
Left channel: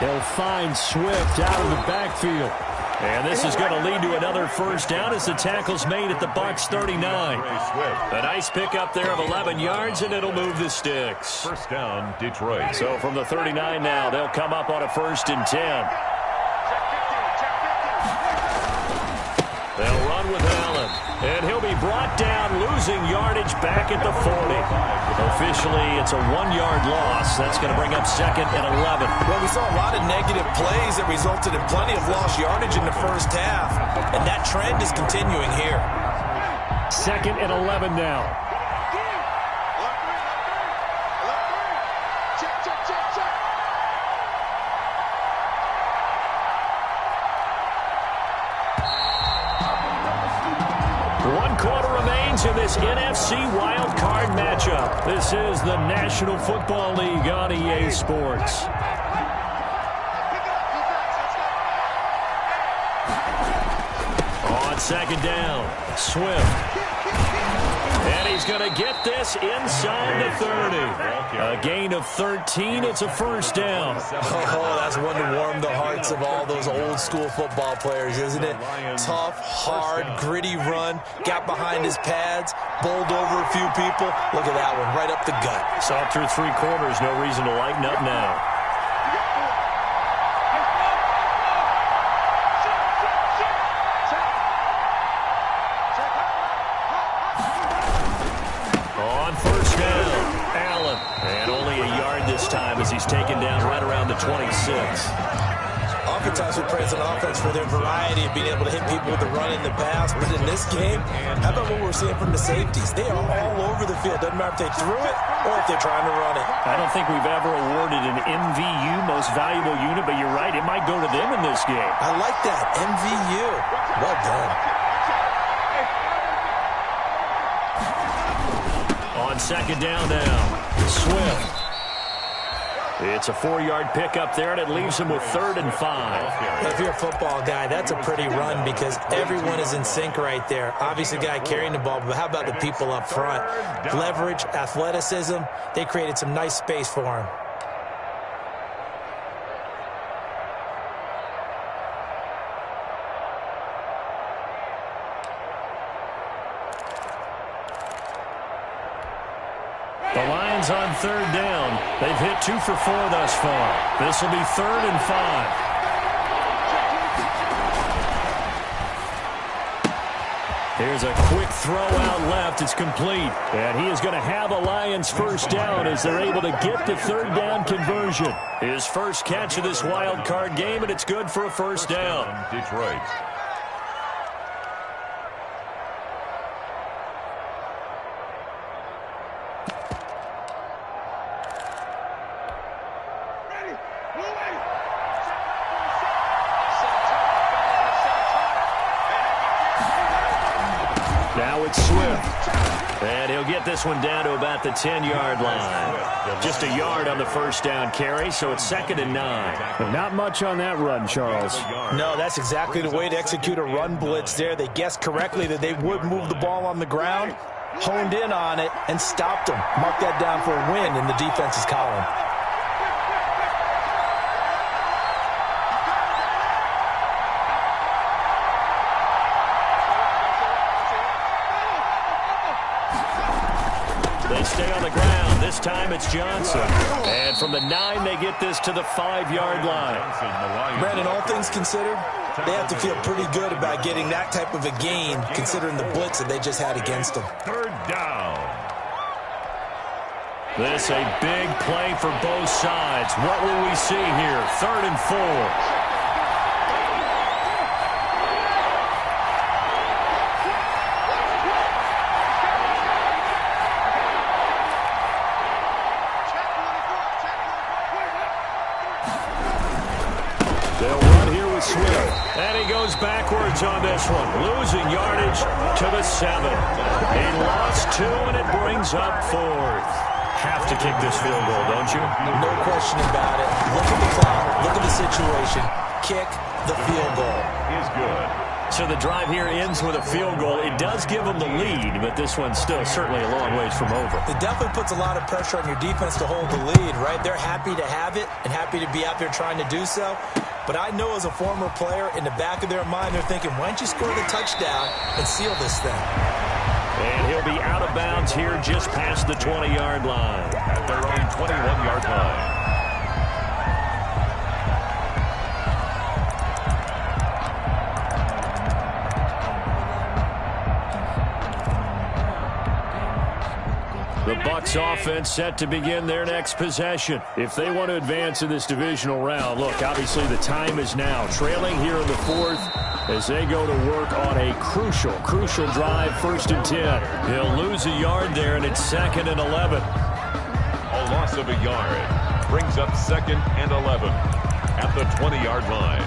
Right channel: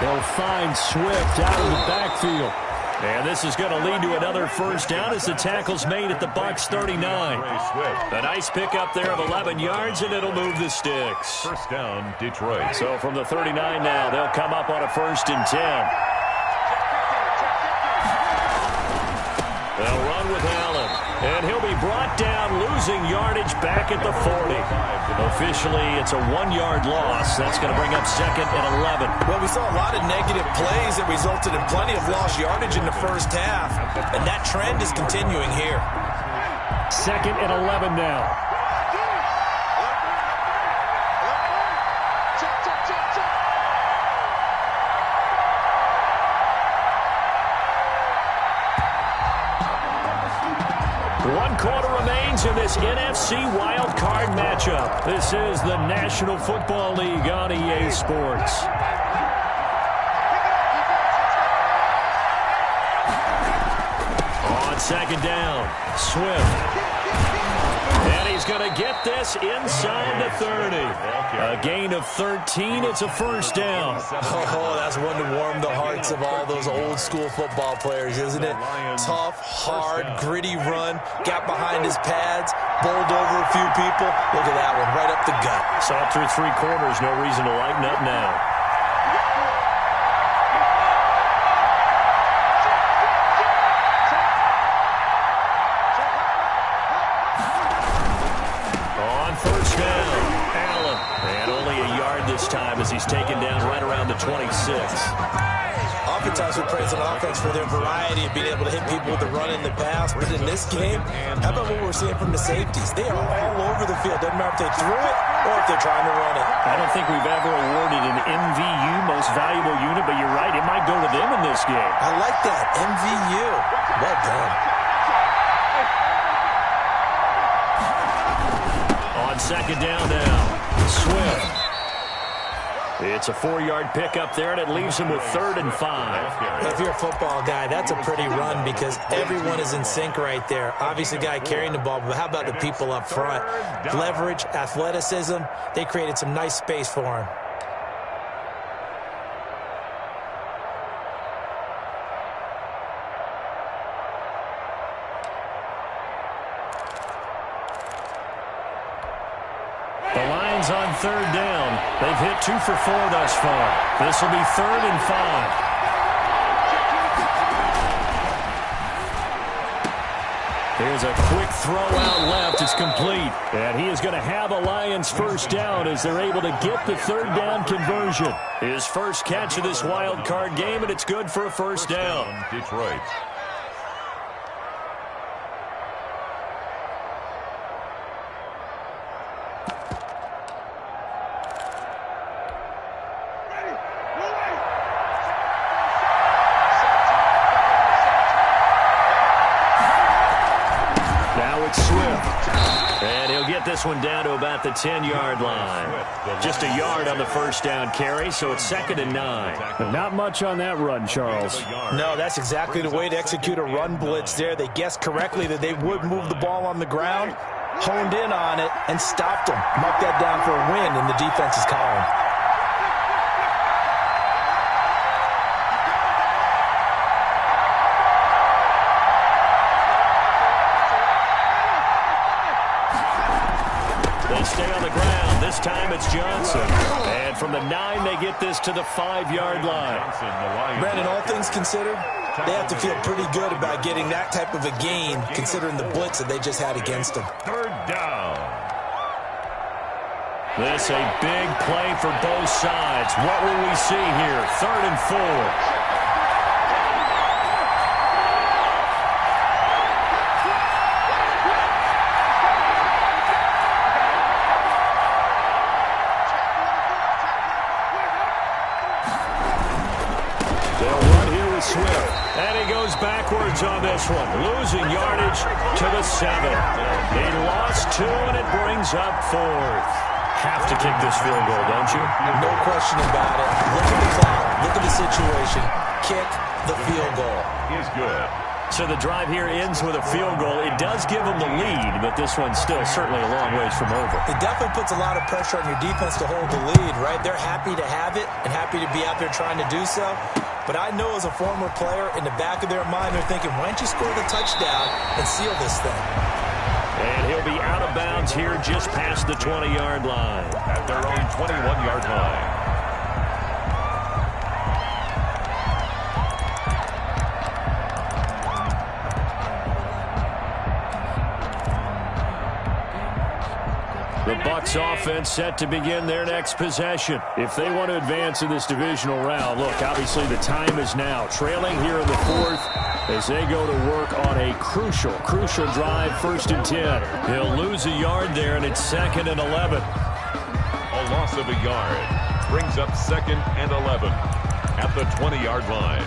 He'll find Swift out of the backfield. And this is going to lead to another 1st down as the tackle's made at the Bucs 39. A nice pickup there of 11 yards, and it'll move the sticks. 1st down, Detroit. So from the 39 now, they'll come up on a 1st and 10. They'll run with Allen, and he'll be brought down, losing yardage back at the 40. Officially, it's a 1-yard loss. That's going to bring up 2nd and 11. Well, we saw a lot of negative plays that resulted in plenty of lost yardage in the first half, and that trend is continuing here. 2nd and 11 now. One quarter remains in this NFC wild card matchup. This is the National Football League on EA Sports. On 2nd down, Swift. And he's going to get this inside the 30. A gain of 13. It's a first down. Oh, that's one to warm the hearts of all those old school football players, isn't it? Tough, hard, gritty run. Got behind his pads, bowled over a few people. Look at that one, right up the gut. Saw through 3 quarters. No reason to lighten up now. On first down, Allen. And only a yard this time as he's taken down right around the 26. Oftentimes we praise an offense for their variety of being able to hit people with the run in the pass. But in this game, how about what we're seeing from the safeties? They are all over the field. Doesn't matter if they threw it or if they're trying to run it. I don't think we've ever awarded an MVU, most valuable unit, but you're right. It might go to them in this game. I like that. MVU. Well done. On second down now, Swift. It's a 4-yard pickup there, and it leaves him with 3rd and 5. If you're a football guy, that's a pretty run because everyone is in sync right there. Obviously, the guy carrying the ball, but how about the people up front? Leverage, athleticism, they created some nice space for him. The Lions on 3rd down. They've hit 2 for 4 thus far. This will be 3rd and 5. Here's a quick throw out left. It's complete. And he is going to have a Lions first down as they're able to get the 3rd down conversion. His first catch of this wild card game, and it's good for a first down. Detroit. Now it's Swift. And he'll get this one down to about the 10-yard line. Just a yard on the first down carry, so it's 2nd and 9. But not much on that run, Charles. No, that's exactly the way to execute a run blitz there. They guessed correctly that they would move the ball on the ground, honed in on it, and stopped them. Mark that down for a win in the defense's column. Stay on the ground. This time it's Johnson. And from the 9, they get this to the 5-yard line. Brandon, all things considered, they have to feel pretty good about getting that type of a gain, considering the blitz that they just had against them. 3rd down. This a big play for both sides. What will we see here? 3rd and 4. Swift. And he goes backwards on this one, losing yardage to the 7. He lost 2, and it brings up 4th. Have to kick this field goal, don't you? No question about it. Look at the clock. Look at the situation. Kick the field goal. Is good. So the drive here ends with a field goal. It does give them the lead, but this one's still certainly a long ways from over. It definitely puts a lot of pressure on your defense to hold the lead, right? They're happy to have it and happy to be out there trying to do so. But I know as a former player, in the back of their mind, they're thinking, why don't you score the touchdown and seal this thing? And he'll be out of bounds here just past the 20-yard line. At their own 21-yard line. The Bucs offense set to begin their next possession. If they want to advance in this divisional round, look, obviously the time is now. Trailing here in the 4th as they go to work on a crucial drive, 1st and 10. He'll lose a yard there, and it's 2nd and 11. A loss of a yard brings up 2nd and 11 at the 20-yard line.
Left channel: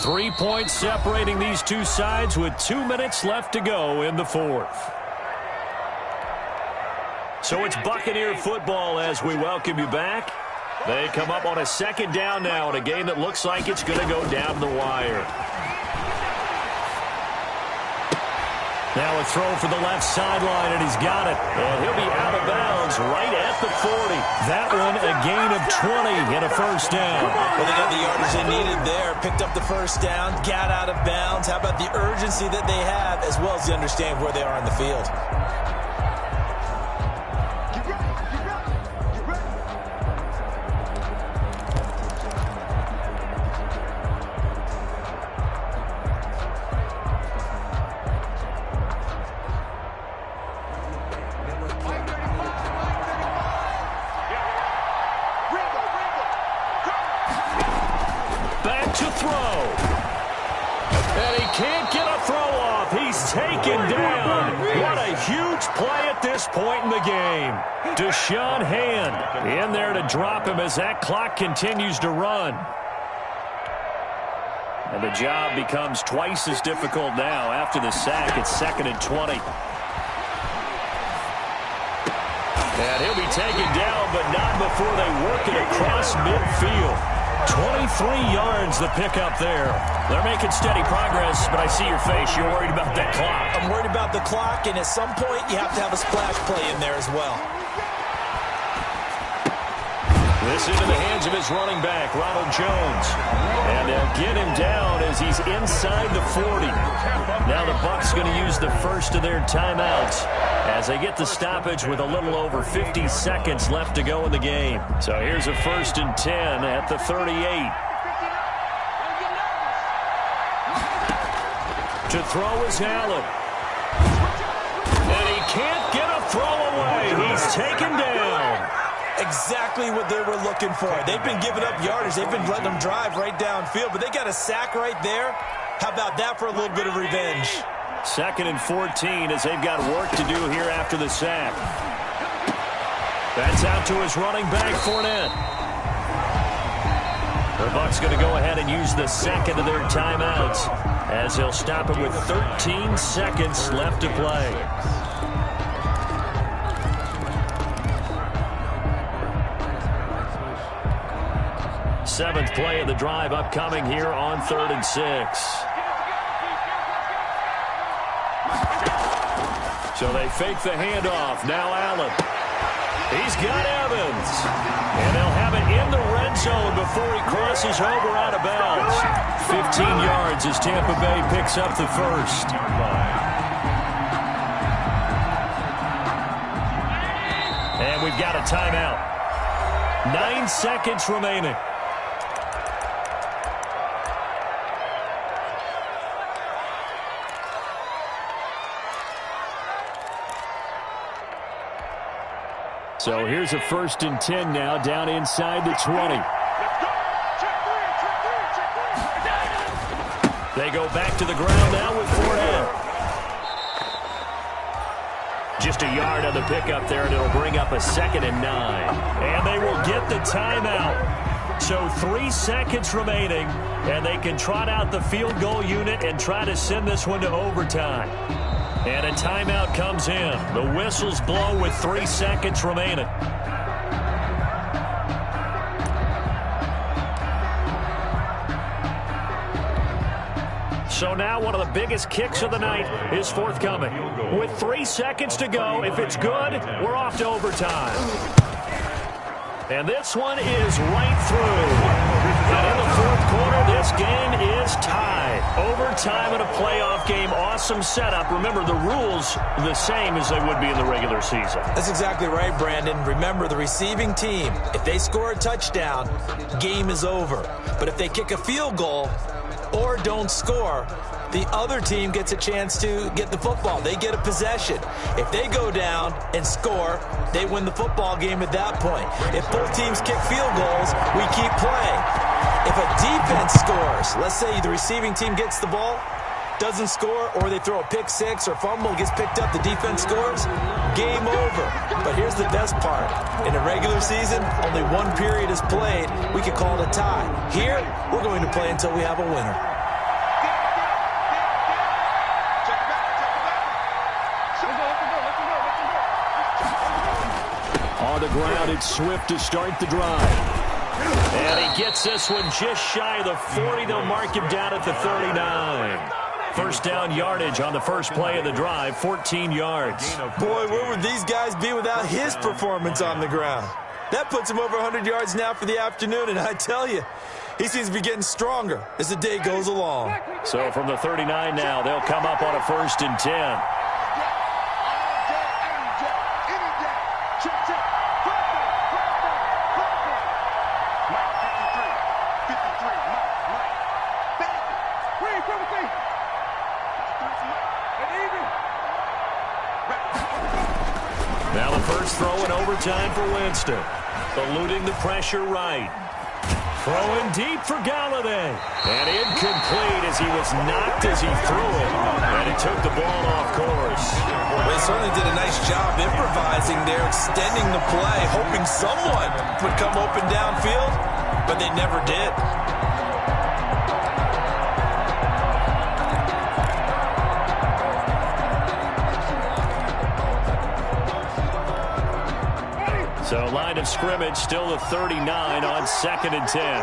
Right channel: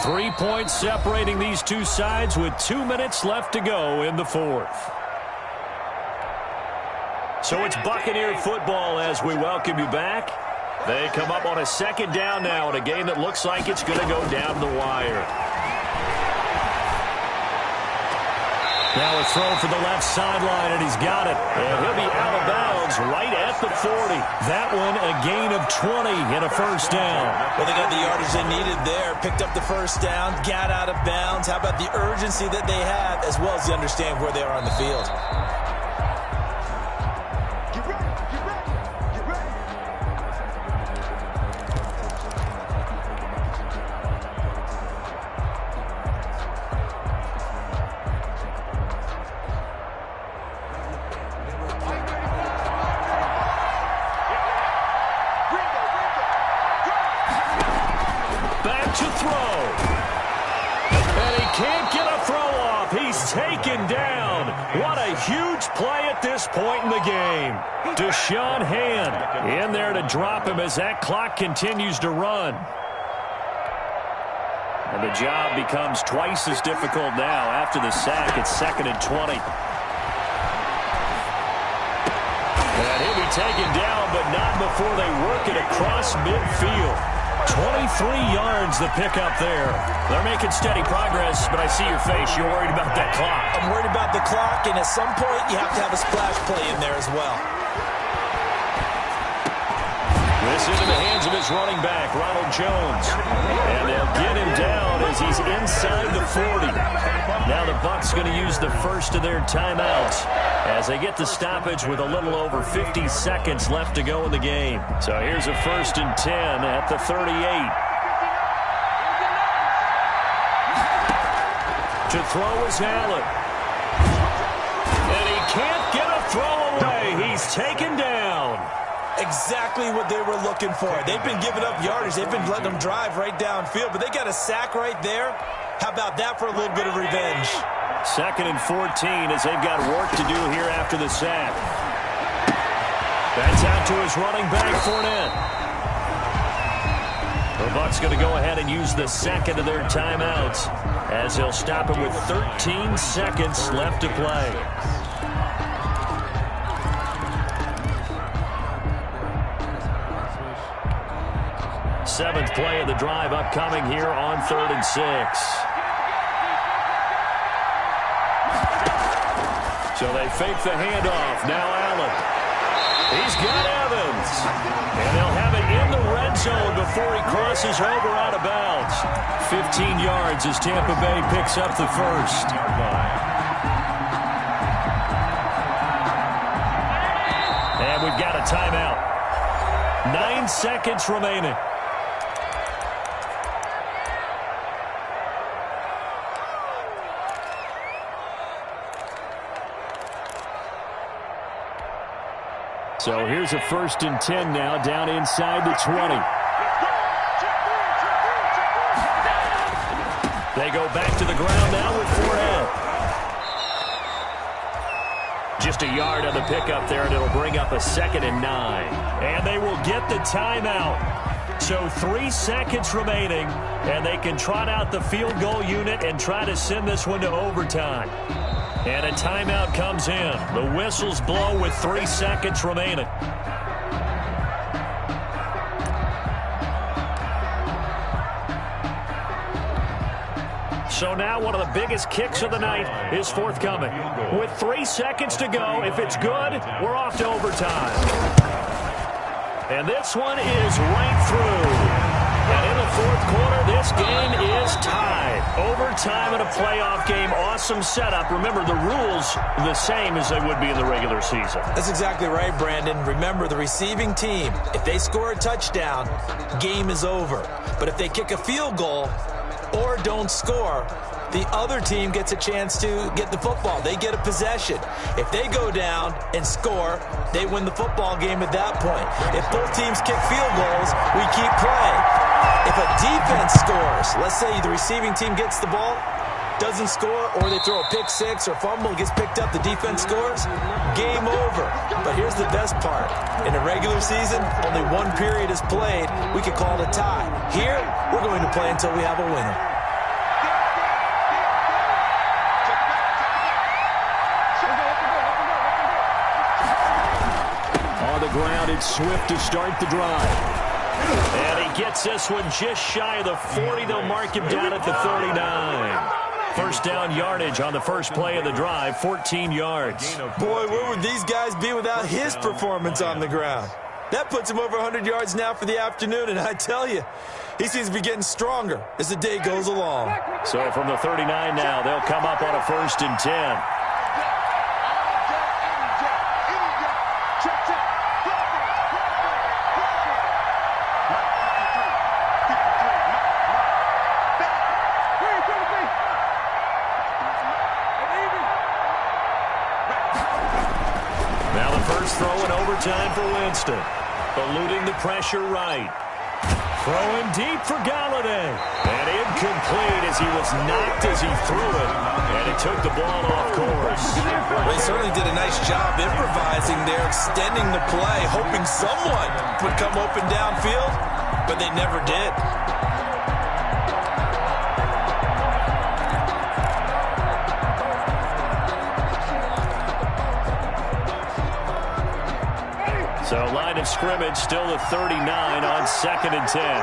Three points separating these two sides with 2 minutes left to go in the 4th. So it's Buccaneer football as we welcome you back. They come up on a second down now in a game that looks like it's going to go down to the wire. Now a throw for the left sideline, and he's got it. And he'll be out of bounds right at the 40. That one a gain of 20 and a first down. Well, they got the yardage they needed there. Picked up the first down, got out of bounds. How about the urgency that they have, as well as they understand where they are on the field? Get ready, get ready, get ready. Back to throw. And he can't get a throw off. He's taken down. What a huge play at this point in the game. Deshaun Hand in there to drop him as that clock continues to run. And the job becomes twice as difficult now after the sack. It's 2nd and 20. And he'll be taken down, but not before they work it across midfield. 23 yards the pickup there. They're making steady progress, but I see your face. You're worried about that clock. I'm worried about the clock, and at some point you have to have a splash play in there as well. This into the hands of his running back, Ronald Jones. And they'll get him down as he's inside the 40. Now the Bucs going to use the first of their timeouts as they get the stoppage with a little over 50 seconds left to go in the game. So here's a 1st and 10 at the 38. To throw is Allen. And he can't get a throw away. He's taken down. Exactly what they were looking for. They've been giving up yardage. They've been letting them drive right downfield, but they got a sack right there. How about that for a little bit of revenge? 2nd and 14 as they've got work to do here after the sack. That's out to his running back, Fournette. The Bucs going to go ahead and use the second of their timeouts as they'll stop it with 13 seconds left to play. Seventh play of the drive upcoming here on 3rd and 6. So they fake the handoff. Now Allen. He's got Evans. And they'll have it in the red zone before he crosses over out of bounds. 15 yards as Tampa Bay picks up the first. And we've got a timeout. 9 seconds remaining. So here's a 1st and 10 now down inside the 20. They go back to the ground now with Fournette. Just a yard on the pickup there, and it'll bring up a 2nd and 9. And they will get the timeout. So 3 seconds remaining, and they can trot out the field goal unit and try to send this one to overtime. And a timeout comes in. The whistles blow with 3 seconds remaining. So now one of the biggest kicks of the night is forthcoming. With 3 seconds to go, if it's good, we're off to overtime. And this one is right through. And in the 4th quarter, this game is tied. Overtime in a playoff game. Awesome setup. Remember, the rules are the same as they would be in the regular season. That's exactly right, Brandon. Remember, the receiving team, if they score a touchdown, game is over. But if they kick a field goal or don't score, the other team gets a chance to get the football. They get a possession. If they go down and score, they win the football game at that point. If both teams kick field goals, we keep playing. If a defense scores, let's say the receiving team gets the ball, doesn't score, or they throw a pick six or fumble, gets picked up, the defense scores, game over. But here's the best part. In a regular season, only one period is played. We could call it a tie. Here, we're going to play until we have a winner. on the ground. It's Swift to start the drive. And he gets this one just shy of the 40. They'll mark him down at the 39. First down yardage on the first play of the drive, 14 yards. Boy, where would these guys be without his performance on the ground? That puts him over 100 yards now for the afternoon, and I tell you, he seems to be getting stronger as the day goes along. So from the 39 now, they'll come up on a 1st and 10. Now the first throw in overtime for Winston. Eluding the pressure right. Throwing deep for Galladay. And incomplete as he was knocked as he threw it. And it took the ball off course. Well, he certainly did a nice job improvising there, extending the play, hoping someone would come open downfield, but they never did. So line of scrimmage still the 39 on 2nd and 10.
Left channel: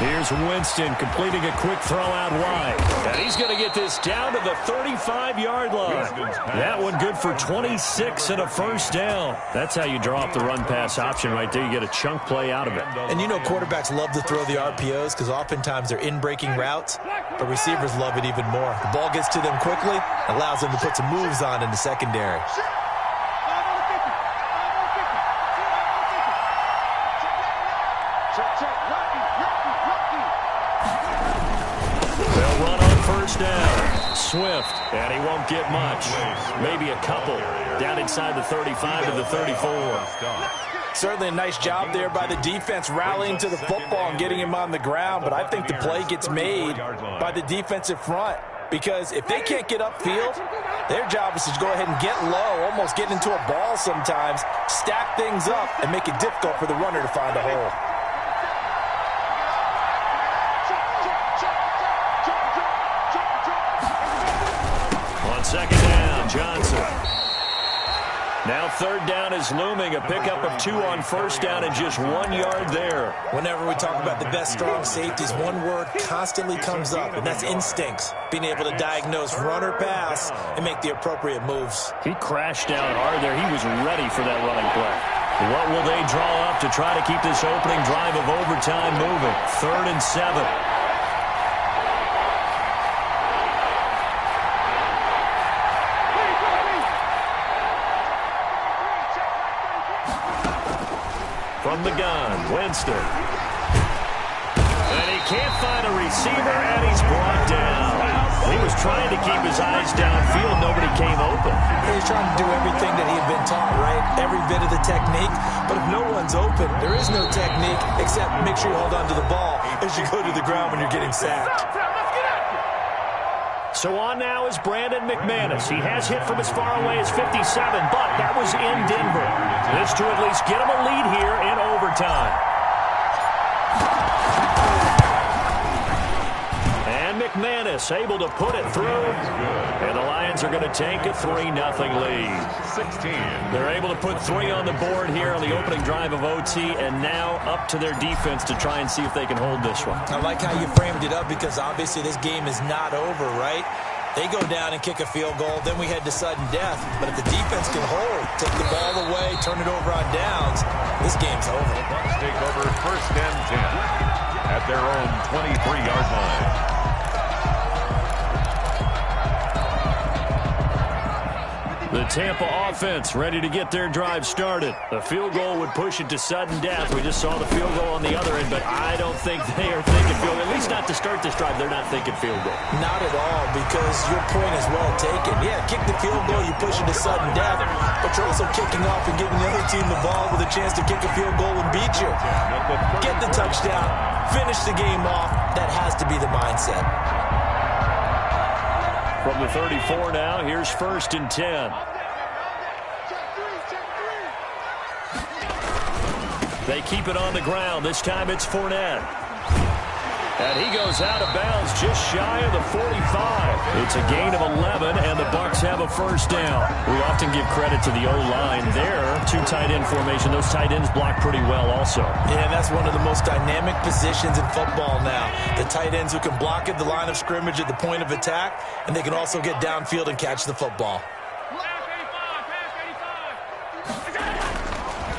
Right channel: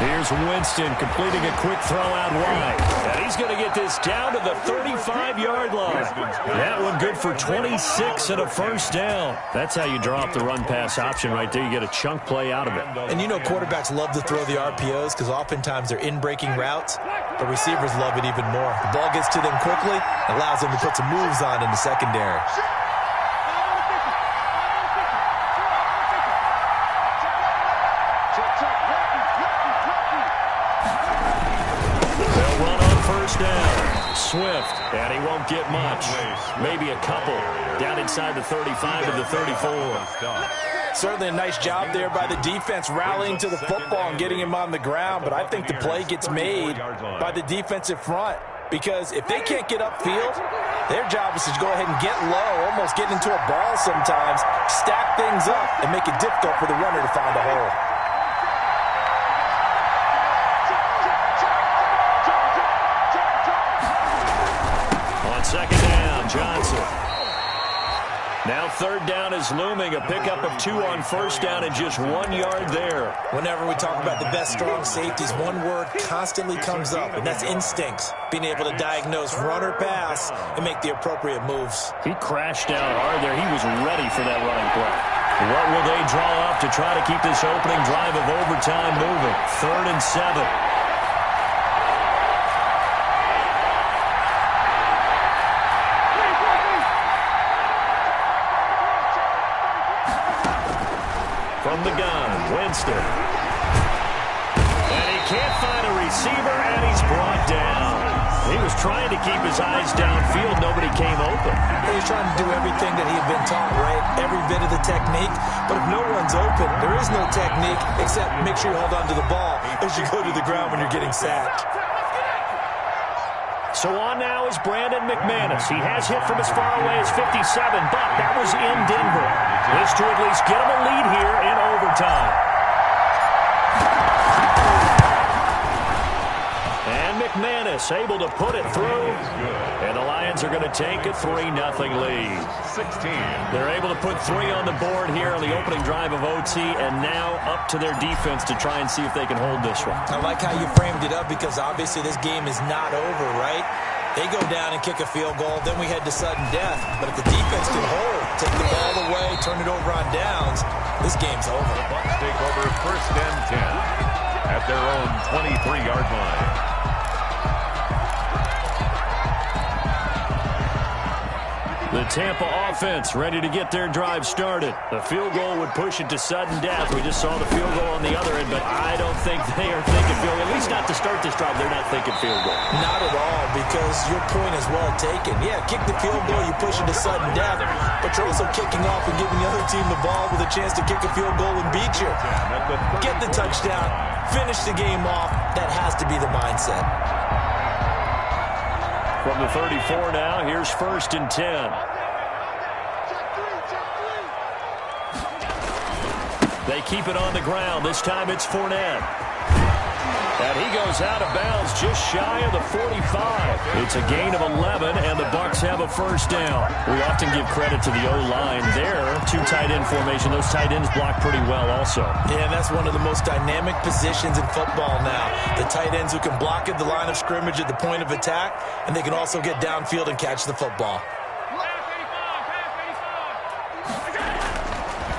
Here's Winston completing a quick throw out wide. And he's going to get this down to the 35-yard line. That one good for 26 and a first down. That's how you draw up the run-pass option right there. You get a chunk play out of it. And you know quarterbacks love to throw the RPOs because oftentimes they're in-breaking routes, but receivers love it even more. The ball gets to them quickly, allows them to put some moves on in the secondary. They'll run on first down. Swift, and he won't get much. Maybe a couple. Down inside the 35 to the 34. Certainly a nice job there by the defense rallying to the football and getting him on the ground, but I think the play gets made by the defensive front because if they can't get upfield, their job is to go ahead and get low, almost get into a ball sometimes, stack things up, and make it difficult for the runner to find a hole. On second down, Johnson. Now third down is looming. A pickup of 2 on first down and just 1 yard there. Whenever we talk about the best strong safeties, one word constantly comes up, and that's instincts. Being able to diagnose run or pass and make the appropriate moves. He crashed down hard there. He was ready for that running play. What will they draw up to try to keep this opening drive of overtime moving? 3rd and 7. From the gun, Winston. And he can't find a receiver, and he's brought down. He was trying to keep his eyes downfield. Nobody came open. He was trying to do everything that he had been taught, right? Every bit of the technique. But if no one's open, there is no technique except make sure you hold on to the ball as you go to the ground when you're getting sacked. So on now is Brandon McManus. He has hit from as far away as 57, but that was in Denver. This to at least get him a lead here in overtime. And McManus able to put it through. And the Lions are going to take a 3-0 lead. 16. They're able to put 3 on the board here on the opening drive of OT, and now up to their defense to try and see if they can hold this one. I like how you framed it up because obviously this game is not over, right? They go down and kick a field goal, then we head to sudden death. But if the defense can hold, take the ball away, turn it over on downs, this game's over. The Bucs take over 1st and 10 at their own 23-yard line. The Tampa offense ready to get their drive started. The field goal would push it to sudden death. We just saw the field goal on the other end, but I don't think they are thinking field goal. At least not to start this drive. They're not thinking field goal. Not at all, because your point is well taken. Yeah, kick the field goal, you push it to sudden death, but you're also kicking off and giving the other team the ball with a chance to kick a field goal and beat you. Get the touchdown, finish the game off. That has to be the mindset. From the 34 now, here's 1st and 10. They keep it on the ground. This time it's Fournette. And he goes out of bounds just shy of the 45. It's a gain of 11, and the Bucs have a first down. We often give credit to the O-line there. Two tight end formation. Those tight ends block pretty well also. Yeah, and that's one of the most dynamic positions in football now. The tight ends who can block at the line of scrimmage at the point of attack, and they can also get downfield and catch the football.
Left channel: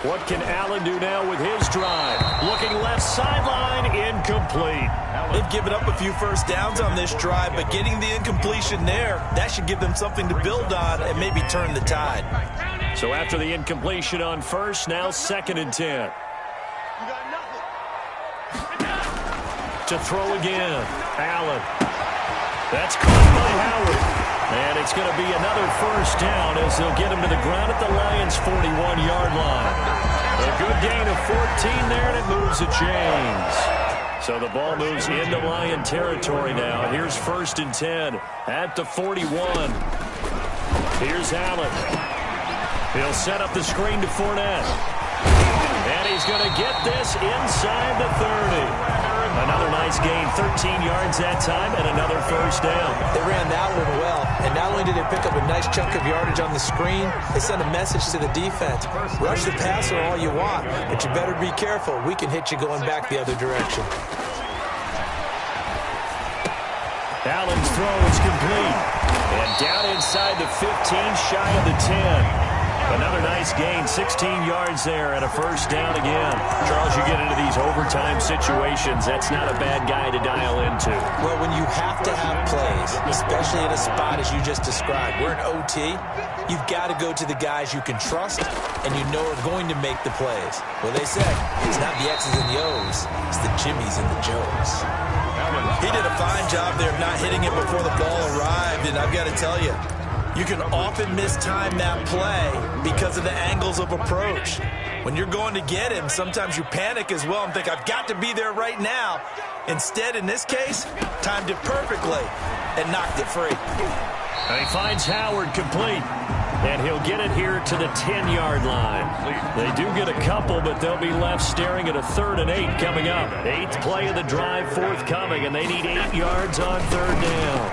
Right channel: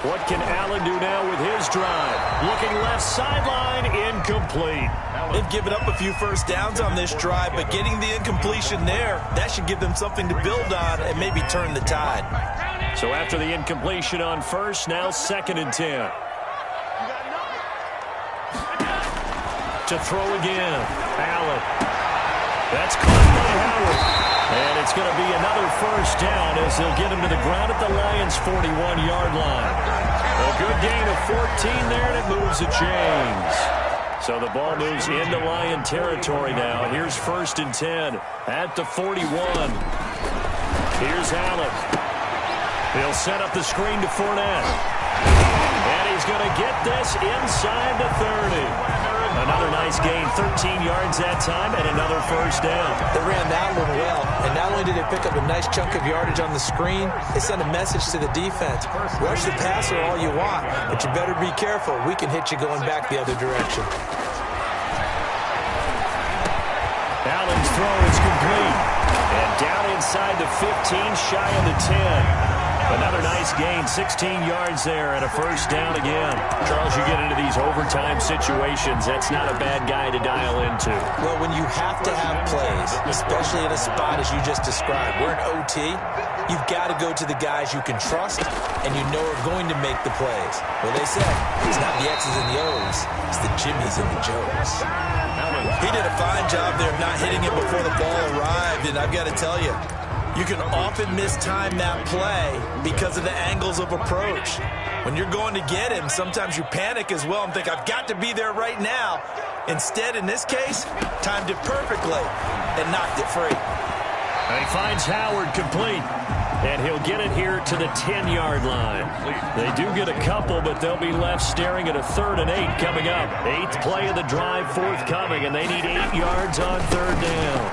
What can Allen do now with his drive? Looking left sideline, incomplete. They've given up a few first downs on this drive, but getting the incompletion there, that should give them something to build on and maybe turn the tide. So after the incompletion on first, now 2nd and 10. To throw again, Allen. That's caught by Howard. And it's going to be another first down as they'll get him to the ground at the Lions' 41-yard line. A good gain of 14 there, and it moves the chains. So the ball moves into Lion territory now. Here's 1st and 10 at the 41. Here's Allen. He'll set up the screen to Fournette. And he's going to get this inside the 30. Another nice gain, 13 yards that time, and another first down. They ran that one well, and not only did they pick up a nice chunk of yardage on the screen, they sent a message to the defense. Rush the passer all you want, but you better be careful. We can hit you going back the other direction. Allen's throw is complete. And down inside the 15, shy of the 10. Another nice gain, 16 yards there, and a first down again. Charles, you get into these overtime situations, that's not a bad guy to dial into. Well, when you have to have plays, especially in a spot as you just described, we're in OT, you've got to go to the guys you can trust and you know are going to make the plays. Well, they said, it's not the X's and the O's, it's the Jimmies and the Joes. He did a fine job there of not hitting it before the ball arrived, and I've got to tell you, you can often mistime that play because of the angles of approach. When you're going to get him, sometimes you panic as well and think, I've got to be there right now. Instead, in this case, timed it perfectly and knocked it free. And he finds Howard complete. And he'll get it here to the 10-yard line. They do get a couple, but they'll be left staring at a 3rd and 8 coming up. 8th play of the drive forthcoming, and they need 8 yards on 3rd down.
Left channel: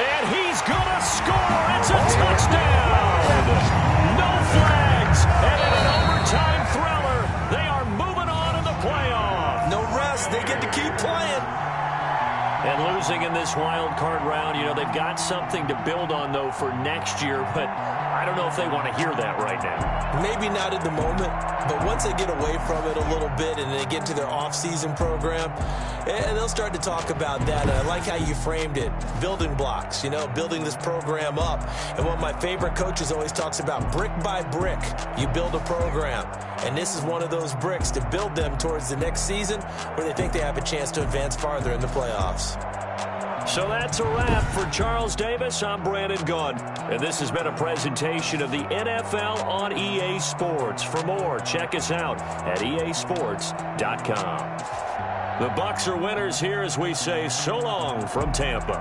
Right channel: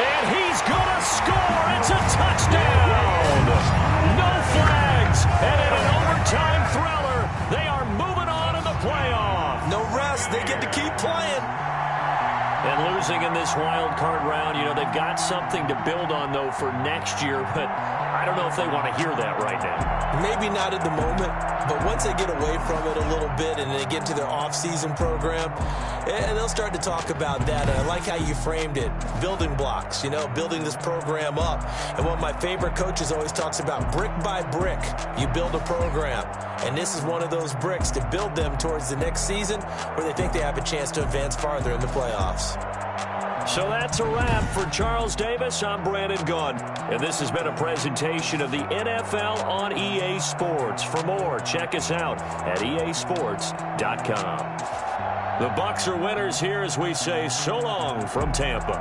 And he's going to score. It's a touchdown. No flags. And in an overtime thriller, they are moving on in the playoff. No rest. They get to keep playing. And losing in this wild card round, you know, they've got something to build on, though, for next year. But I don't know if they want to hear that right now. Maybe not at the moment, but once they get away from it a little bit and they get into their off-season program, they'll start to talk about that. And I like how you framed it, building blocks, you know, building this program up. And one of my favorite coaches always talks about brick by brick, you build a program. And this is one of those bricks to build them towards the next season where they think they have a chance to advance farther in the playoffs. So that's a wrap for Charles Davis. I'm Brandon Gunn, and this has been a presentation of the NFL on EA Sports. For more, check us out at easports.com. The Bucs are winners here as we say so long from Tampa.